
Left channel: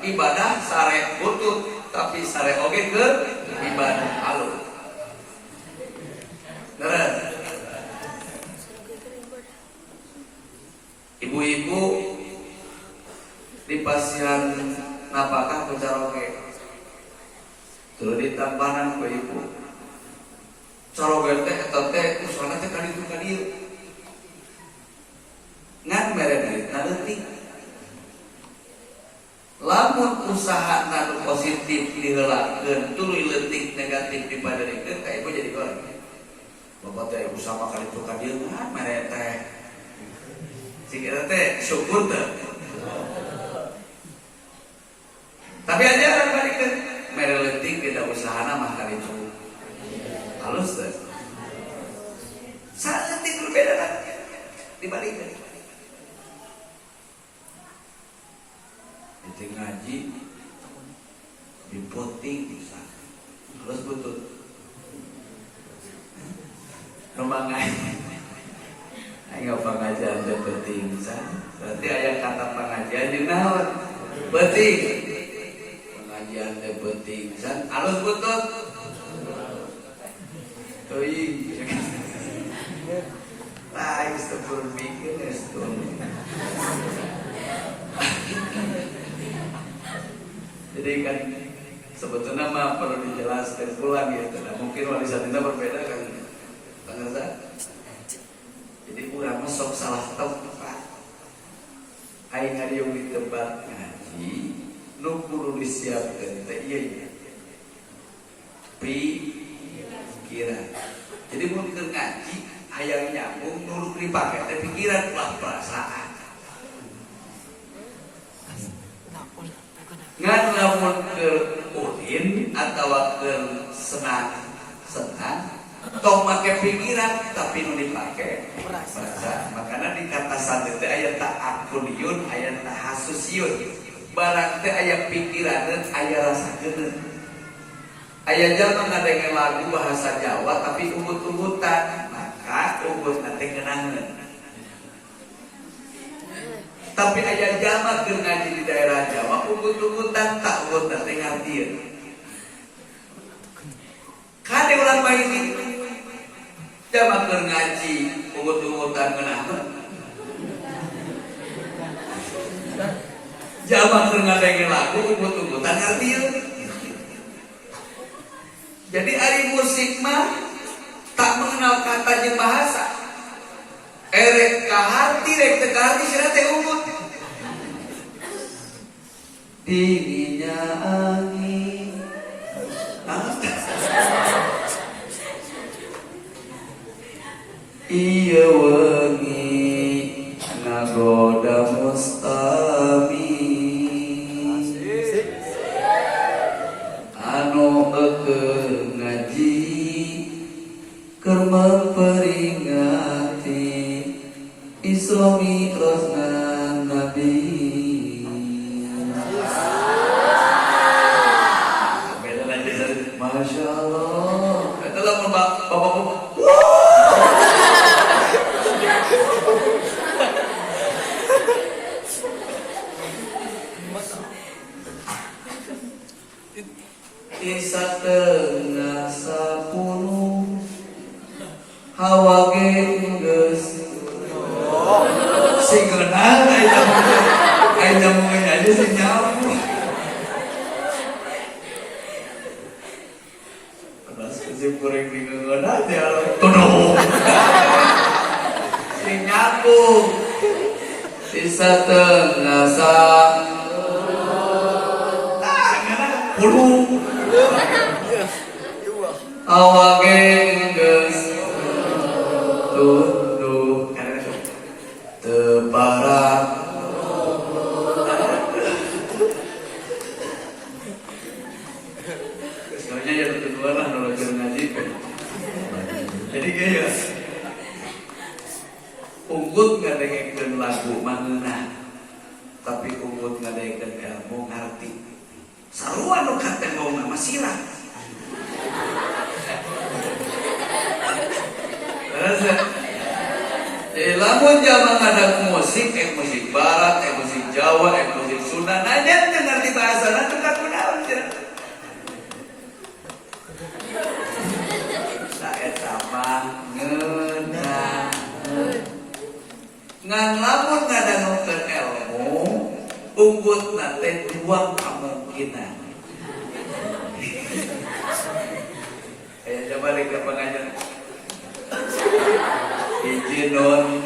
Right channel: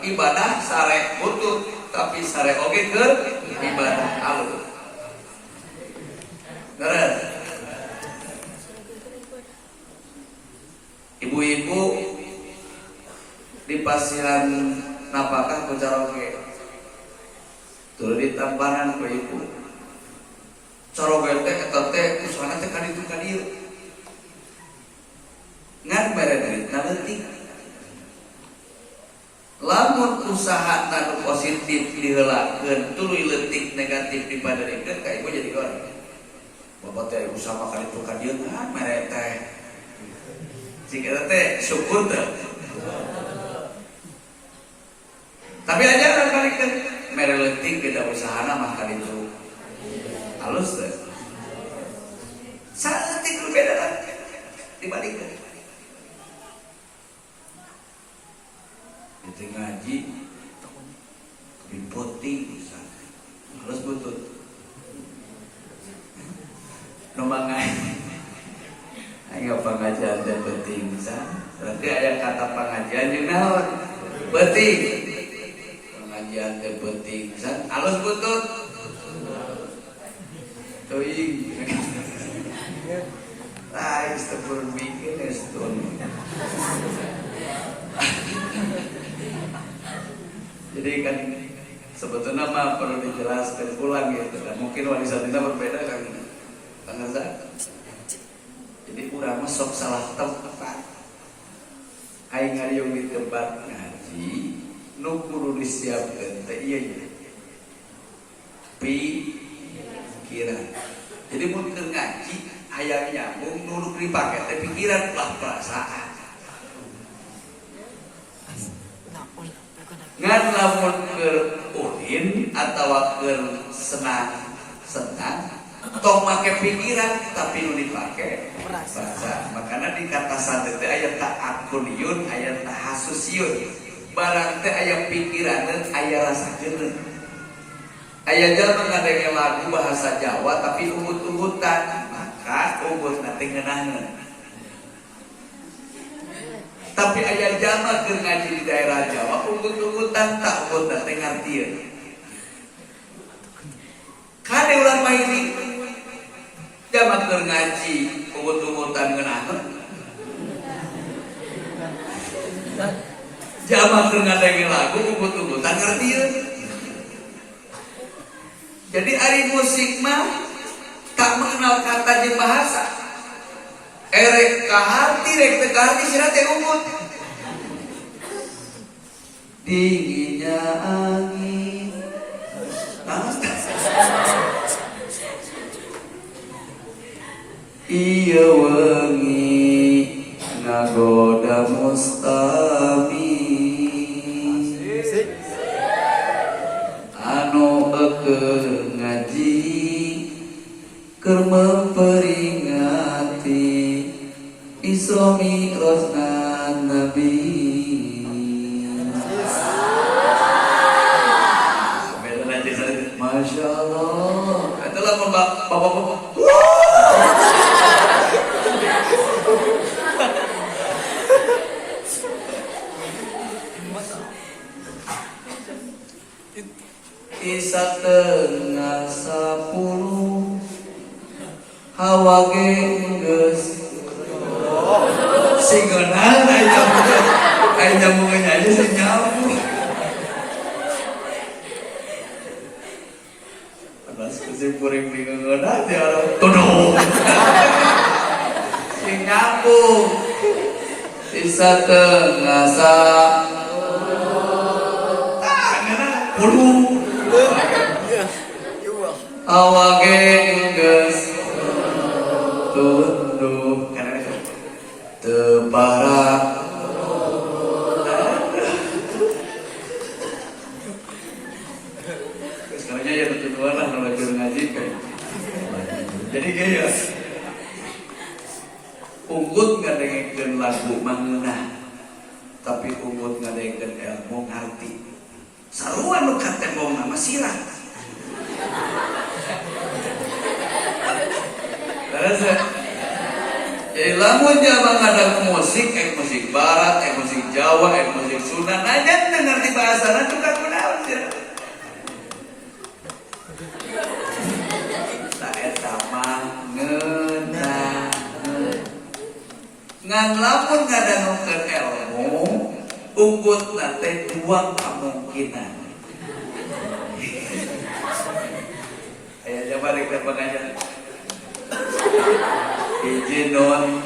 ibadah sare butut, tapi sare oge keur ibadah halus. Beres. Ibu-ibu di pasiran napakah ku caroge tuluy ditampanan ku ibu caroge teh eta teh usaha teh ka ditu ka dieu ngan mere duitna leutik. Lamun usaha nu positif diheulakeun tuluy leutik negatif dipaderikeun ka ibu jadi goreng. Bapak teh usaha ka ditu ka dieu ngan mere teh jika teh syukur teh. Tapi aja orang balikkan mere leutik beda usahana mah kali itu halus teh. Salah leutik berbeda lah dibalikkan. Itu ngaji dipoting bisa halus butut. Numangai ayo pengajian teh penting san. Berarti aya kata pengajian jeung naon? Penting. Pengajian teh penting san. Alus butut. Teuing. Lain sekur mikir estun. Jadi kan sebetulnya mah perlu dijelaskan ulang gitu. Mungkin warisan kita berbeda kan. Pengertian. Jadi urang mah sok salah tempat. Aing ngariung di tempat ngaji nu kudu disiapkeun teh ieu nya. Pikiran. Jadi mun keur ngaji hayang nyambung nurut dipake teh pikiran ulah perasaan. Ngan lamun keur uhin atawa keur senang tong make pikiran tapi nu dipake perasaan. Makanya di kata santet teh aya ta'akuliyun, aya tahasusyun. Barang teh aya pikiran, aya rasa jeuneuh. Aya jalma ngadenge lagu bahasa Jawa tapi ugut-ugutan, maka ugutna teh ngeunaheun. Tapi aya jalma keur ngaji di daerah Jawa ugut-ugutan tak ugutna teh ngartieun. Kade urang mah ini jama keur ngaji ugut-ugutan ngeunaheun. Jama keur ngadenge lagu ugut-ugutan ngartieun. Jadi ari musik mah tak mengenal kata jeung bahasa. Erek ka hati rek teu ka hati sira teh ugut. Dinginnya angin. Iya wengi nagoda mustami anu ekeun ngaji keur memperingati Isra Mi'rajna Nabi. Masya Allah. Itulah bapak-bapak. Isa tengah 10 hawa geus singeunana aya nyambungan aja sing nyambung. Adas kesimpuring bingeun aja tuduh. Sing nyambung. Isa tengah 10 10 awake geus tunduk karena itu teparak kesannya ya tujuan lah kalau ngaji jadi gaya unggul ngadengkeun lagu mangeunah tapi unggul ngadengkeun ilmu ngarti sarua nu katengong mah sirah terus jadi lamun jaman ada musik musik barat musik Jawa musik Sunda najan teu ngarti bahasana teu kunaon sia tak eta mah ngeunah ngan lamun ngadangukeun ilmu unggulna teh dua kemungkinan coba balik ke pengajian izin non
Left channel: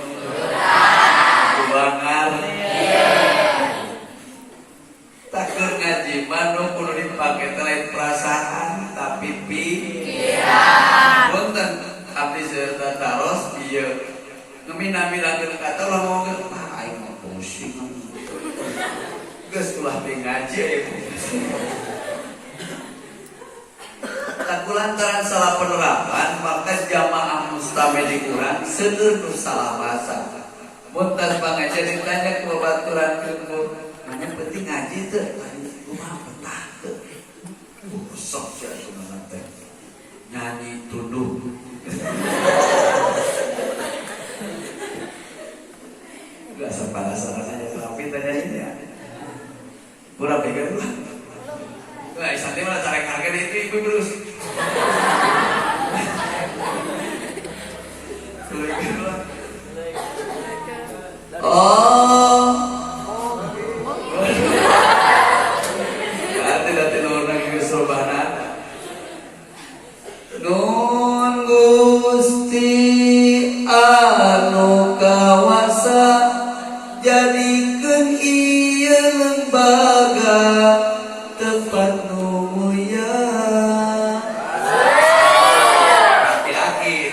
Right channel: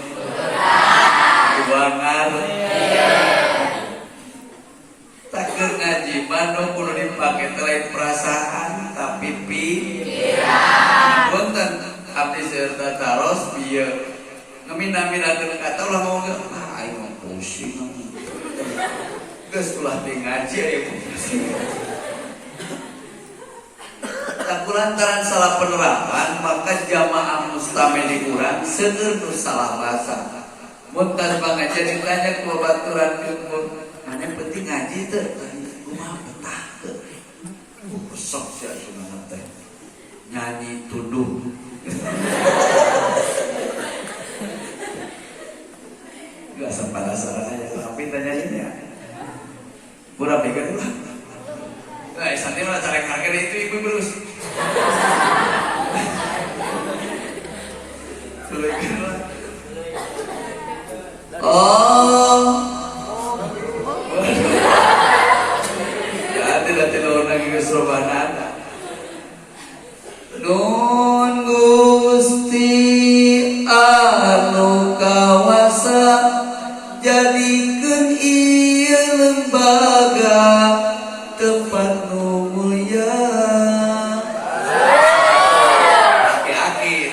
kubangan takdir ngaji manu kudu dipake terkait perasaan tapi pikiran punten abdi serta taros bieu ngamina-minakeun kata ulah mau aing mah pusing geus ulah ngaji aya pusing tak kulantaran salah penerapan maka jamaah mustamil kurang seueur nu salah rasa mun tas pangajian ditanya ku baturan keun anu penting ngaji teu kumaha betah teu sok sia sunnah teh nyanyi tuduh gak sampai sarananya tapi tanyain ya pura pegang lah nah santai mana cara harga itu ikut terus oh tidak lagi keserubanan nun Gusti anu kawasa jadikeun ieu lembaga tempat nu mulia aki-aki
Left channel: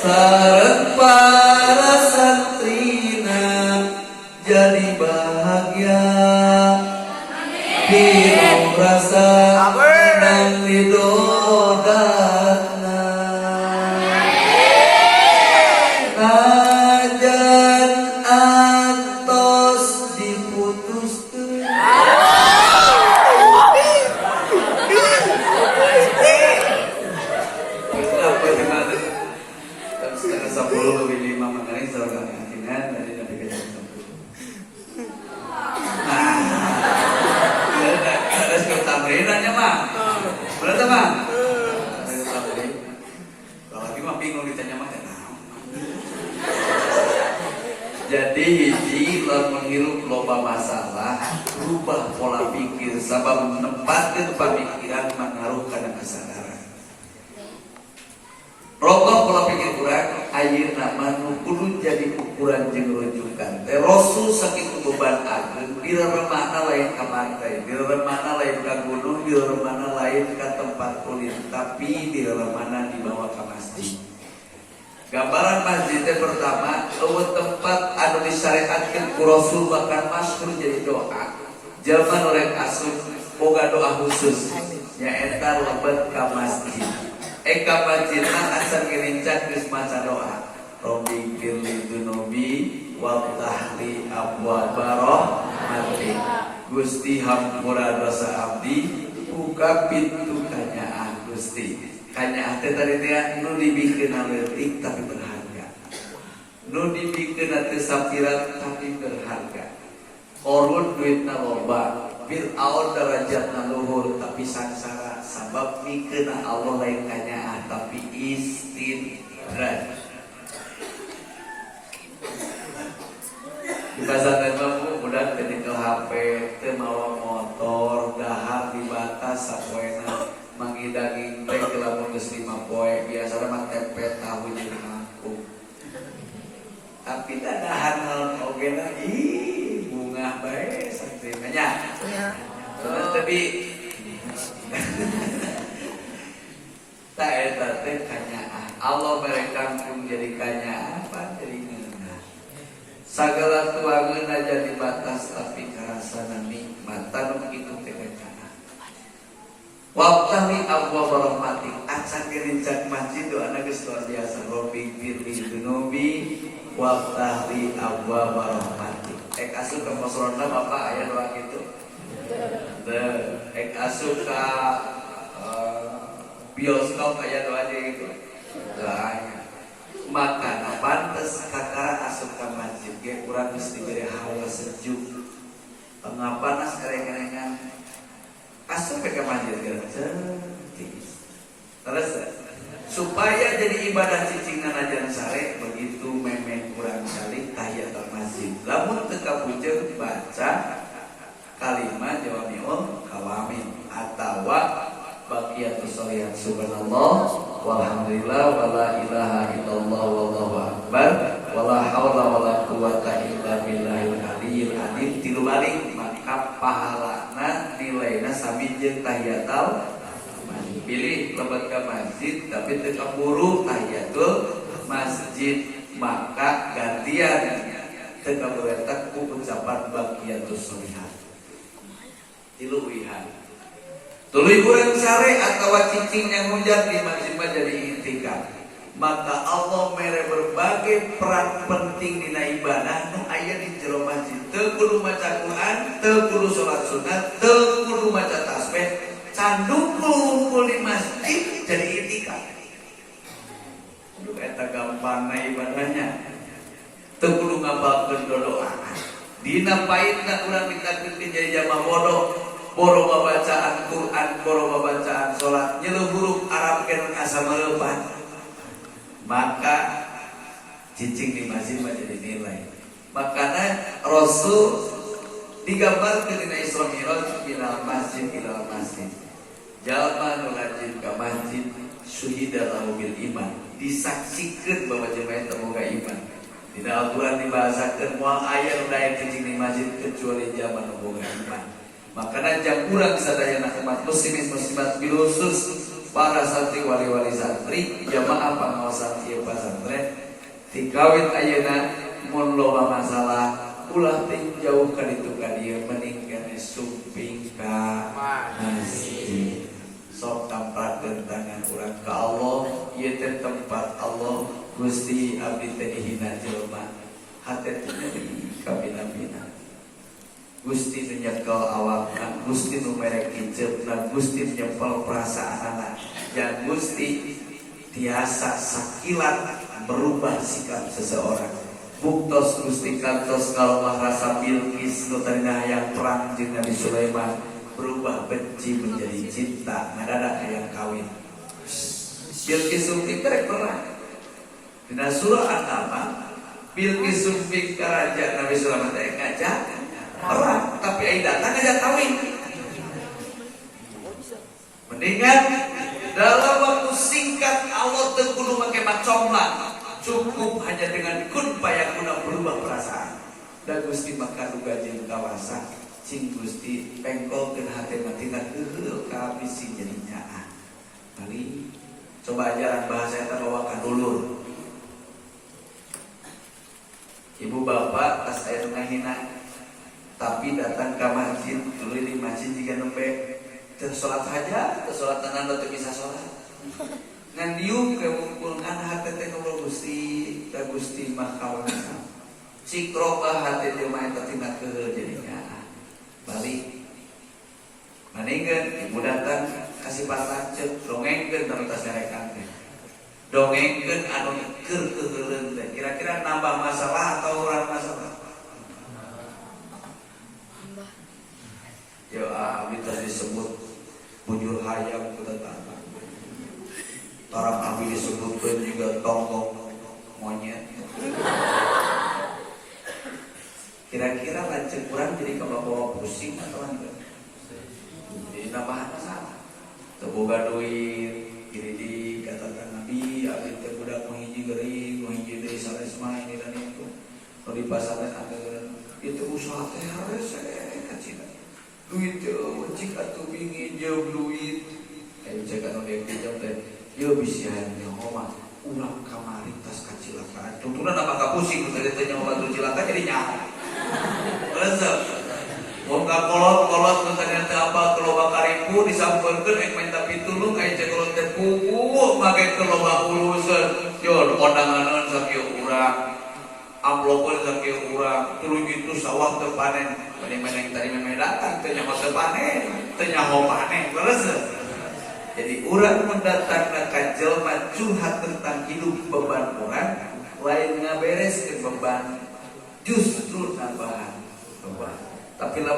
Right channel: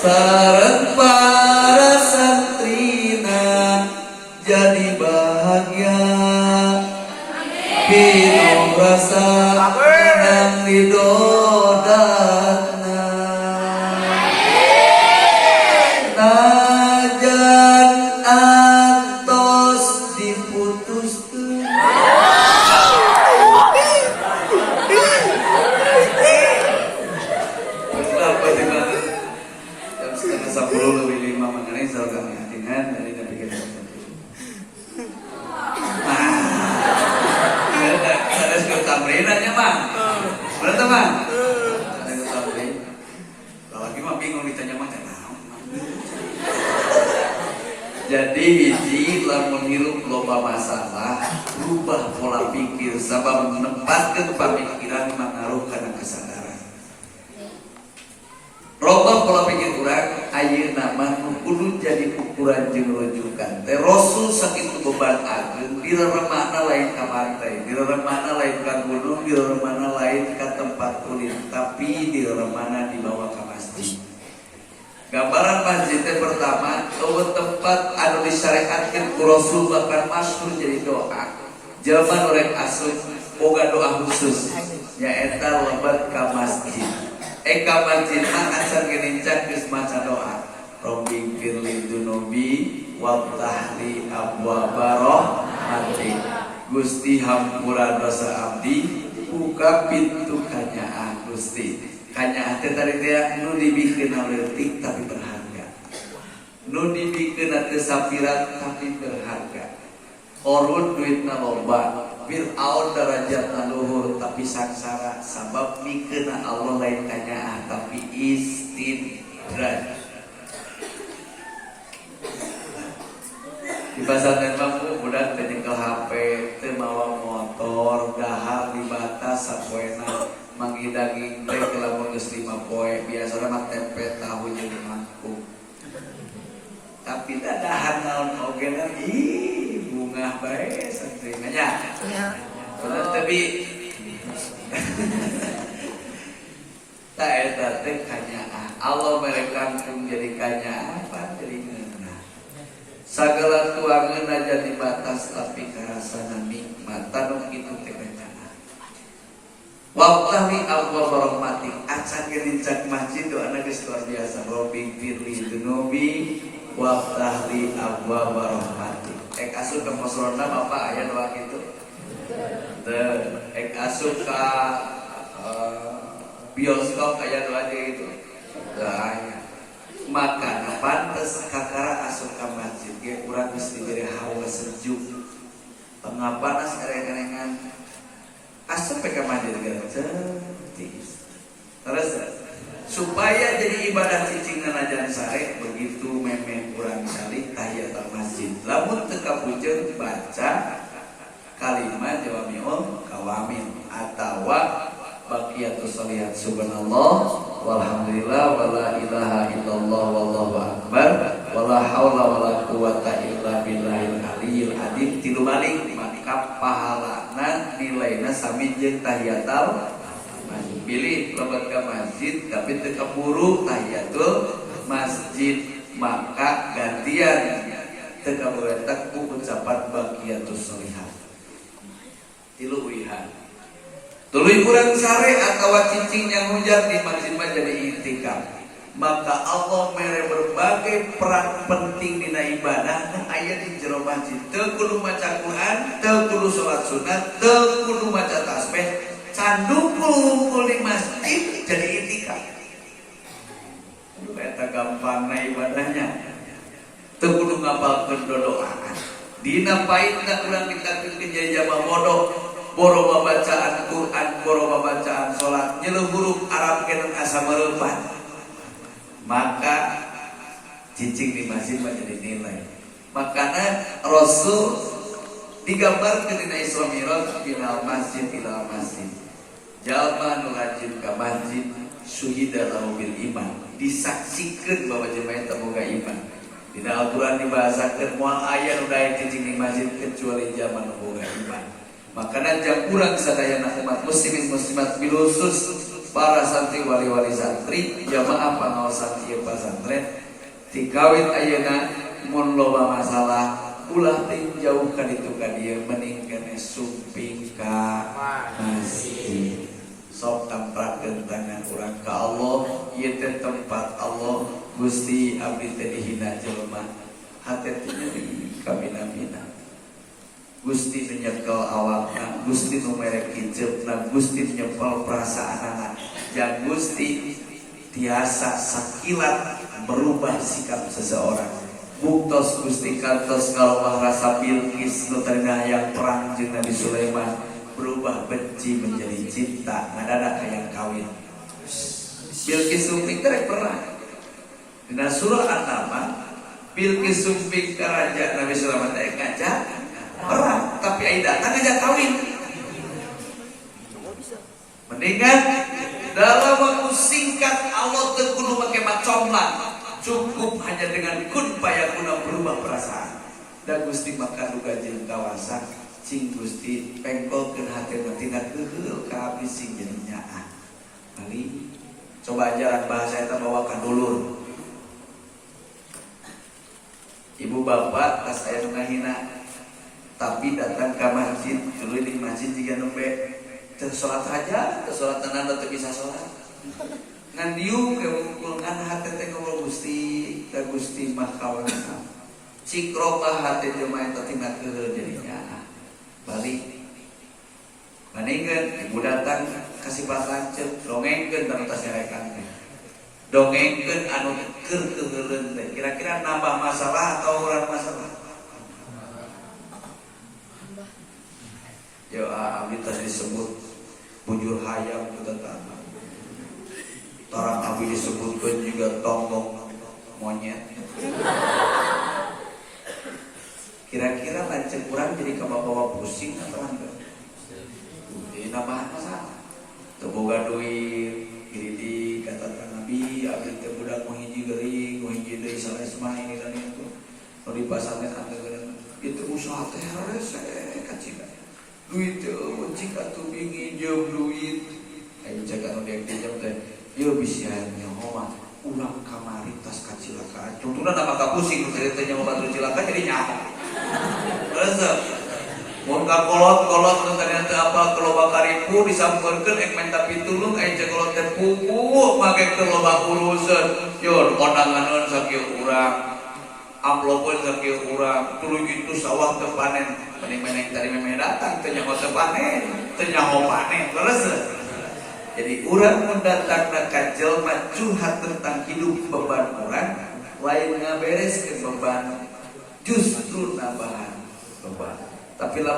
sareng para santrina jadi bahagia pinuh rasa nang didodana najan antos diputuskeun apa dimana setengah 10 lebih 5 mengenai seragam dengan dari Nabi kita ada skill tamrinannya mah bener teman ada tamrin kalau lagi mah bingung ditanya mah jadi hiji lamun hirup loba masalah rubah pola pikir sabab menempatkan pemikiran mengaruh kana kesadaran robah pola pikir urang ayeuna manu kudu jadi ukuran jeung rujukan teh rasul sakitu beban ageung direremana lain ka pantai direremana lain ka gunung direremana lain ka tempat kulit tapi direremana dibawa ka masjid gambaran masjid teh pertama eueuh tempat anu disyariatkeun ku rasul bahkan masyhur jadi doa zaman oleh asup boga doa khusus nyaeta lebat ka masjid eka masjidna asal gerincak geus maca doa Rabbi firli dzunubi waftahli abwaaba rahmatik Gusti hampura dosa abdi buka pintu kanyaan Gusti kanyaan teh tadi teh nu dibikeun leutik tapi berharga nu dibikeun teu sapirat tapi berharga korun duitna loba Fir'aun derajatna luhur tapi sangsara sabab mikeun Allah lain kanya tapi istidraj di pasar tembak budak nyekel HP teu mawa motor dahar di batas sapoena mangidaging teh lamun geus 5 poe biasana mah tempe tahu jadi mangkuk tapi dadahan naon oge lah bunga bae ekstrimnya. Ya. Terus tapi tak eta teh kanyaan. Allah mereka pun jadi kanyaan apa dari mana? Sagala tuangan aja di batas tapi karasana nikmat tanuk itu teh kanyaan. Waqtahi abwa rahmatik acan gerincak masjid do anak geus luar biasa. Robbi firli dunubi waqtahi abwa rahmatik. Ek asup ka masolona Bapak aya doa kitu. Ek asup ka bioskop aya doa gitu. Doanya. Maka pantes kakara asup ka masjid ge urang geus diberi hawa sejuk. Tengah panas kareng-karengan asup ke masjid gratis. Terus supaya jadi ibadah cicing nanajan sare begitu memen kurang kali tahiyatul masjid. Lamun teu kapuceun baca kalimat jawamiul kawamin atawa baqiyatus sholihat subhanallah walhamdulillah wala ilaha illallah wallahu akbar wala haula wala quwata illa billahil aliyyil azim tilu balik maka pahalana nilaina sami jeung tahiyatul masjid. Pilih lebat ke masjid tapi teu kaburu tahiyatul masjid maka gantian teu kabewetak ku ucapan baqiyatus sholihat. Tilu wihan tuluy kurang sare atau cicing yang hujan di masjid jadi i'tikaf. Maka Allah mere berbagai peran penting dina ibadah nu aya di jero masjid. Teu kudu maca Quran, teu kudu salat sunat, teu kudu maca tasbih, candu kumpul di masjid jadi i'tikaf. Aduh eta gampangna ibadahnya. Teu kudu ngapalkeun doa. Dina paitna urang ditakdirkeun jadi jamaah bodoh. Boro babacaan Quran, boro babacaan sholat, nyeluh huruf Arab kena asa melepat. Maka cicing di masjid jadi nilai. Makanya Rasul digambarkan di Isra Mi'raj bilal masjid bilal masjid. Jalma nu rajin ka masjid syuhida lahu bil iman. Disaksikan bahwa jemaah terbuka iman. Dina Al-Quran dibahasakan moal aya nu daya cicing di masjid kecuali jalma nu boga iman. Makanya jang kurang sadayana umat muslimin muslimat bilusus para santri wali-wali santri jamaah pangaosan ieu pesantren tikawin ayeuna mun loba masalah ulah teh jauh ka ditu ka dieu mending kana suping ka masjid. Sok tamprakeun tangan urang ka Allah ieu teh tempat Allah Gusti abdi teh dihina jelema hate teh kabina-bina. Gusti menyekel awakna, Gusti numerek kiceupna, Gusti menyepel perasaan anak. Yang Gusti tiasa sakilat berubah sikap seseorang. Buktos Gusti kantos kalau rasa Bilqis nu tengah yang perang jeung Nabi Sulaiman berubah benci menjadi cinta, ngadadak hayang kawin. Bilqis sumping kerek perang. Dina surah An-Naml Bilqis sumping ka raja Nabi Sulaiman teh ngajak orang tapi Aida tak ngajak kawin. Mendingan dalam waktu singkat Allah teu kudu make macomlang, cukup hanya dengan kun payakuna berubah perasaan. Da Gusti maka duga jeung kawasa sing Gusti pengkolkeun hatena tina heuheuh ka bisi jadi nyaah. Kali coba ajaran bahasa eta bawa ka dulur. Ibu bapak tas aya ngahina tapi datang ke masjid dulu di masjid jika nembe tersolat saja tersolat tenan atau bisa sholat ngan diu kemungkulkan hati teh kalau Gusti mah kawan cikroka hati dia main tertinggal ke jadinya balik maningkeun ibu datang kasih lanceuk dongengkeun tentang tasarekan dongengkeun anu keur keuheuleun teh kira-kira nambah masalah atau kurang masalah. Ya abdi tadi disebut bujur hayam kita tahu. Orang abdi disebutkan juga tonggong monyet. Kira-kira lanjut kurang jadi bawa pusing atau enggak? Jadi tambahan sama. Teboga duit, kiri kata Nabi, abdi terbudak menghiji geuring salesma ini dan itu. Kalau di pasarnya ada itu usaha teh rese. kacina. Duit cik atuh bingin jeung duit. Ayo jaga anu pinjam teh. Ieu bisa nyaho mah urang kamari tas kacelakaan. Contohna nama kapusing cerita nyaho batu cilaka jadi nyaho. Rasa mun kolot-kolot ternyata apa keloba karipu disampeurkeun ek minta pitulung aya kolot teh pupu make keloba urusan. Yo kondanganeun sakieu urang. Amplopkeun sakieu urang. Tuluy itu sawah teu panen. Bani meneng tadi memeh datang teu nyaho teu panen, teu nyaho panen. Rasa jadi urang mendatang ka jelema curhat tentang hidup beban urang lain ngabereskeun beban justru nambahan beban. Tapi